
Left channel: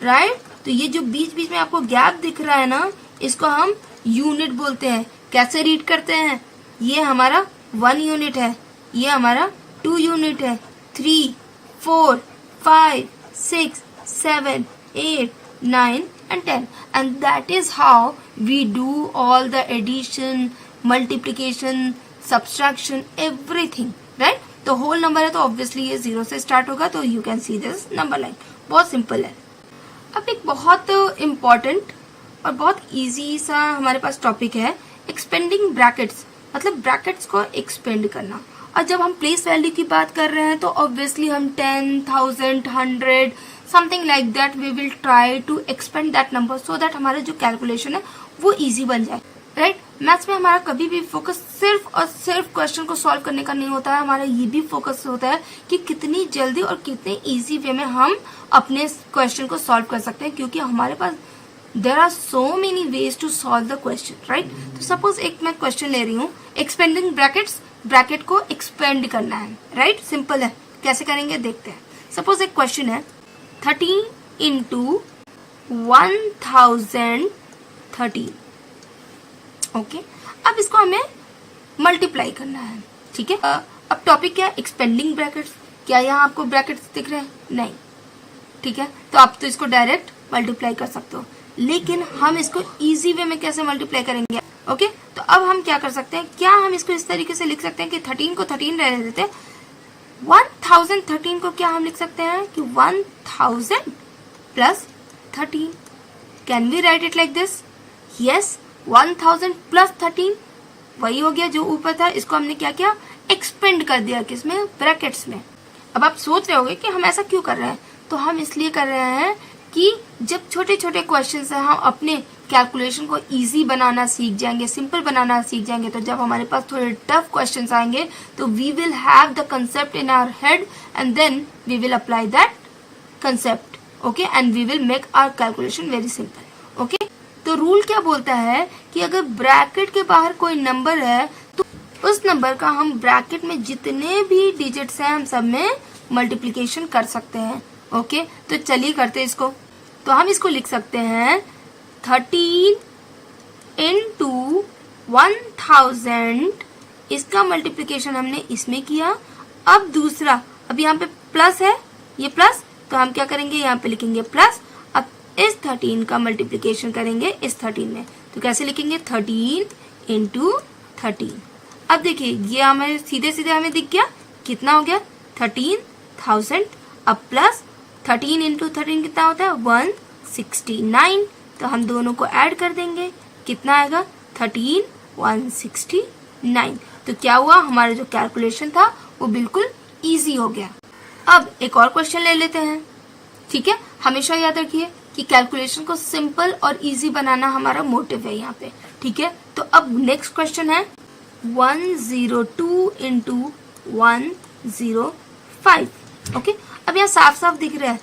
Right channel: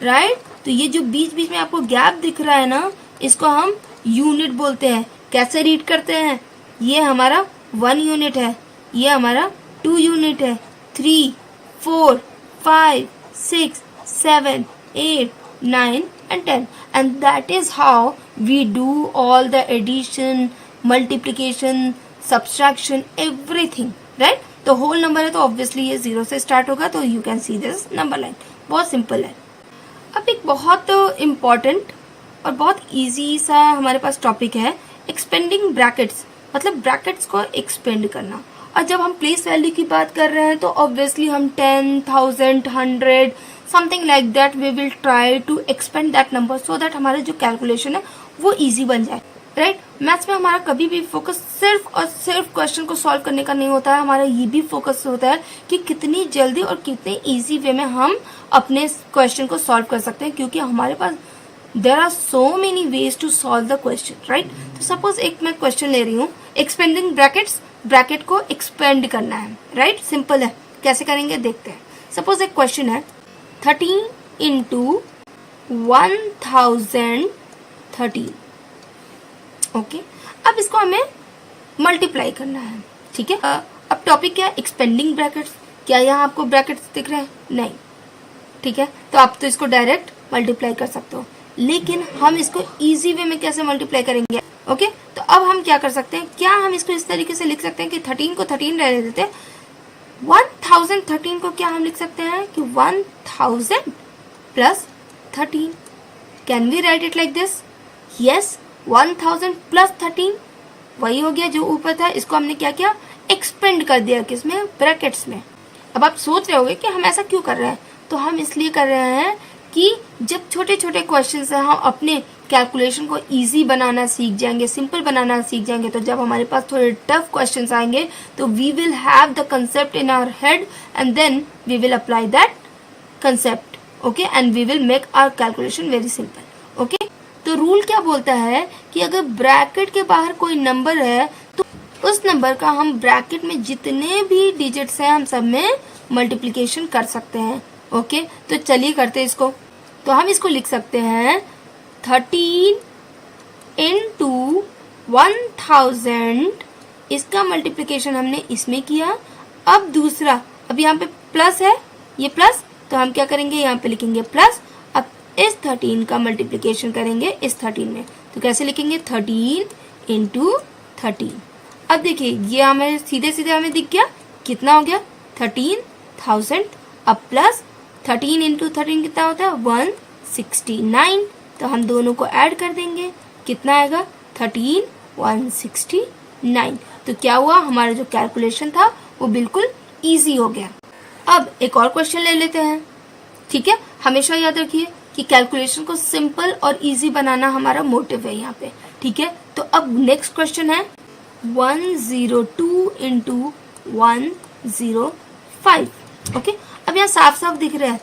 right. तो ये जो बीच बीच में आपको गैप दिख रहा है ना, इसको हम यूनिट बोलते हैं। कैसे रीड करते हैं, ये हमारा 1 यूनिट है, ये हमारा 2 यूनिट है, 3 4 5 6 7 8 9 and 10, and that is how we do all the addition, multiplication, subtraction, everything, right? तो होल नंबर है तो ऑब्वियसली ये 0 से स्टार्ट होगा, तो you can see this number line, बहुत सिंपल है। अब एक बहुत इम्पॉर्टेंट और बहुत इजी सा हमारे पास टॉपिक है एक्सपेंडिंग ब्रैकेट्स, मतलब ब्रैकेट्स को एक्सपेंड करना। और जब हम प्लेस वैल्यू की बात कर रहे हैं तो ऑब्वियसली हम 10, 1000, 100 something like that we will try to expand that number so that हमारे जो कैलकुलेशन है वो इजी बन जाए, राइट? मैथ्स में हमारा कभी भी फोकस सिर्फ और सिर्फ क्वेश्चन को सॉल्व करने का नहीं होता है, हमारा ये भी फोकस होता है कि कितनी जल्दी और कितने इजी वे में हम अपने क्वेश्चन को सॉल्व कर सकते हैं, क्योंकि हमारे पास there are so many ways to solve the question, right? तो सपोज एक मैं क्वेश्चन ले रही हूँ, एक्सपेंडिंग ब्रैकेट्स, ब्रैकेट को एक्सपेंड करना है, राइट? सिंपल है, कैसे करेंगे देखते हैं। सपोज एक क्वेश्चन है 13 इंटू 1013, ओके? अब इसको हमें मल्टीप्लाई करना है, ठीक है? अब टॉपिक क्या है? Expanding brackets. क्या यहाँ आपको ब्रैकेट्स दिख रहे हैं? नहीं, ठीक है? तो आप तो इसको डायरेक्ट मल्टीप्लाई कर सकते हो, लेकिन हम इसको इजी वे में कैसे मल्टीप्लाई करेंगे? ओके, तो अब हम क्या कर सकते हैं, क्या हम इसको इस तरीके से लिख सकते हैं कि 13 को 13 रह देते हैं, 1013 को क्या हम लिख सकते हैं कि 1000 plus 13। Can we write it like this? Yes, 1000 plus 13 वही हो गया जो ऊपर था, इसको हमने क्या किया? एक्सपेंड कर दिया, किसमें? ब्रैकेट्स में। अब आप सोच रहे होंगे कि हम ऐसा क्यों कर रहे हैं, तो हम इसलिए कर रहे हैं कि जब छोटे छोटे क्वेश्चंस हैं हम अपने कैलकुलेशन को इजी बनाना सीख जाएंगे, सिंपल बनाना सीख जाएंगे, तो जब हमारे पास थोड़े टफ क्वेश्चंस आएंगे तो we will have the concept in our head and then we will apply that concept, okay, and we will make our calculation very simple, okay? तो रूल क्या बोलता है कि अगर ब्रैकेट के बाहर कोई नंबर है तो उस नंबर का हम ब्रैकेट में जितने भी डिजिट्स हैं हम सब में मल्टीप्लीकेशन कर सकते हैं, ओके? तो चलिए करते हैं इसको। तो हम इसको लिख सकते हैं 13 इंटू 1000, इसका मल्टीप्लीकेशन हमने इसमें किया। अब दूसरा, अब यहाँ पे प्लस है, ये प्लस, तो हम क्या करेंगे, यहाँ पे लिखेंगे प्लस। अब इस 13 का मल्टीप्लीकेशन करेंगे इस 13 में, तो कैसे लिखेंगे? 13 इंटू 13। अब देखिए ये हमें सीधे सीधे हमें दिख गया, कितना हो गया? 13,000। अब प्लस 13 इंटू 13 कितना होता है? 169। तो हम दोनों को ऐड कर देंगे, कितना आएगा? 13, 169। तो क्या हुआ, हमारा जो कैलकुलेशन था वो बिल्कुल इजी हो गया। अब एक और क्वेश्चन ले लेते हैं, ठीक है? हमेशा याद रखिए कि कैलकुलेशन को सिंपल और इजी बनाना हमारा मोटिव है यहाँ पे, ठीक है? तो अब नेक्स्ट क्वेश्चन है 102 इंटू 105, ओके? अब यहाँ साफ साफ दिख रहा है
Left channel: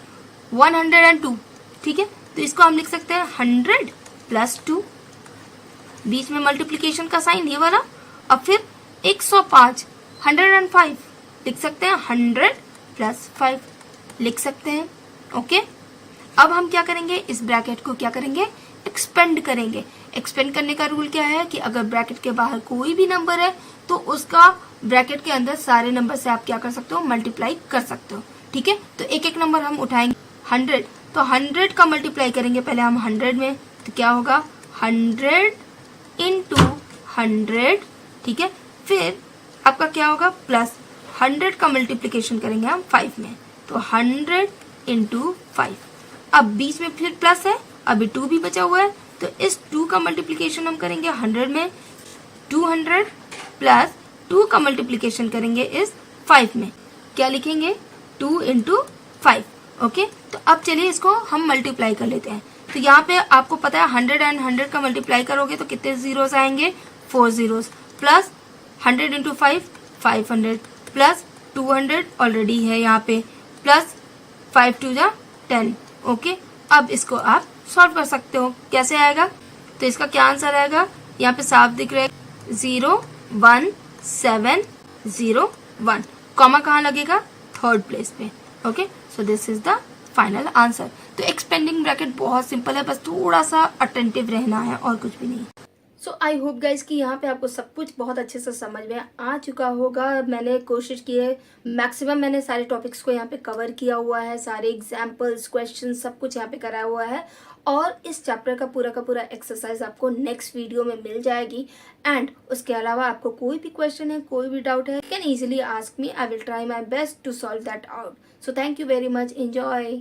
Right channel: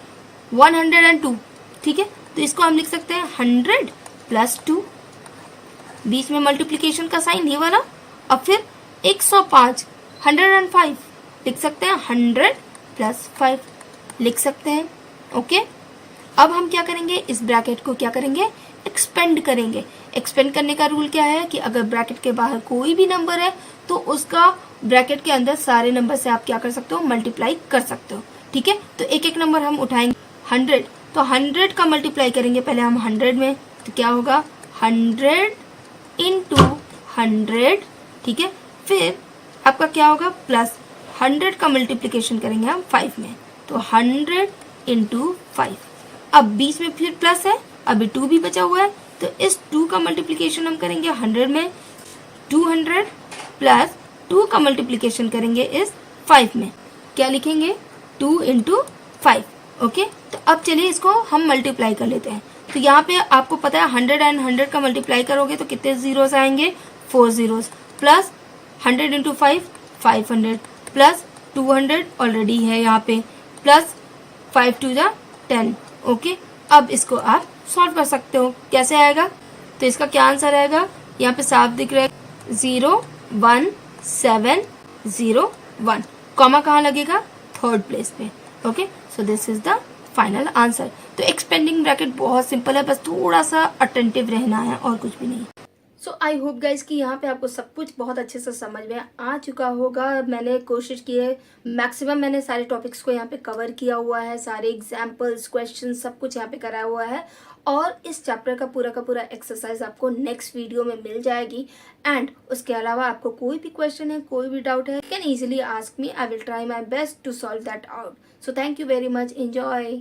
102, ठीक है? तो इसको हम लिख सकते हैं 100 प्लस 2, बीच में मल्टीप्लीकेशन का साइन ये वाला। अब फिर 105, 105 लिख सकते हैं, 100 प्लस 5 लिख सकते हैं, ओके? अब हम क्या करेंगे, इस ब्रैकेट को क्या करेंगे? एक्सपेंड करेंगे। एक्सपेंड करने का रूल क्या है कि अगर ब्रैकेट के बाहर कोई भी नंबर है तो उसका ब्रैकेट के अंदर सारे नंबर से आप क्या कर सकते हो? मल्टीप्लाई कर सकते हो, ठीक है? तो एक एक नंबर हम उठाएंगे। 100, तो 100 का मल्टीप्लाई करेंगे पहले हम 100 में, तो क्या होगा? 100 इंटू 100, ठीक है? फिर आपका क्या होगा? प्लस 100 का मल्टीप्लीकेशन करेंगे हम 5 में, तो 100 इंटू 5। अब बीच में फिर प्लस है, अभी 2 भी बचा हुआ है, तो इस 2 का मल्टीप्लीकेशन हम करेंगे 100 में, 200 प्लस 2 का मल्टीप्लीकेशन करेंगे इस 5 में, क्या लिखेंगे? 2 इंटू 5, ओके? तो अब चलिए इसको हम मल्टीप्लाई कर लेते हैं। तो यहाँ पे आपको पता है 100 एंड 100 का मल्टीप्लाई करोगे तो कितने जीरोस आएंगे? 4 zeros, plus 100 into 5, 500 plus 200 already है यहाँ पे, प्लस 5 2 जा 10, ओके? अब इसको आप सॉल्व कर सकते हो, कैसे आएगा? तो इसका क्या आंसर आएगा? यहाँ पे साफ दिख रहा है 01701, कॉमा कहाँ लगेगा? थर्ड प्लेस पे, okay? So this is the final answer. तो एक्सपेंडिंग ब्रैकेट बहुत सिंपल है, बस थोड़ा सा अटेंटिव रहना है और कुछ भी नहीं। सो आई होप गाइज कि यहाँ पे आपको सब कुछ बहुत अच्छे से समझ में आ चुका होगा। मैंने कोशिश की है, मैक्सिमम मैंने सारे टॉपिक्स को यहाँ पे कवर किया हुआ है, सारे एग्जाम्पल्स क्वेश्चन सब कुछ यहाँ पे कराया हुआ है। और इस चैप्टर का पूरा एक्सरसाइज आपको नेक्स्ट वीडियो में मिल जाएगी। एंड उसके अलावा आपको कोई भी क्वेश्चन है, कोई भी डाउट है, can easily ask me, I will try my best to solve that out. So thank you very much, enjoy.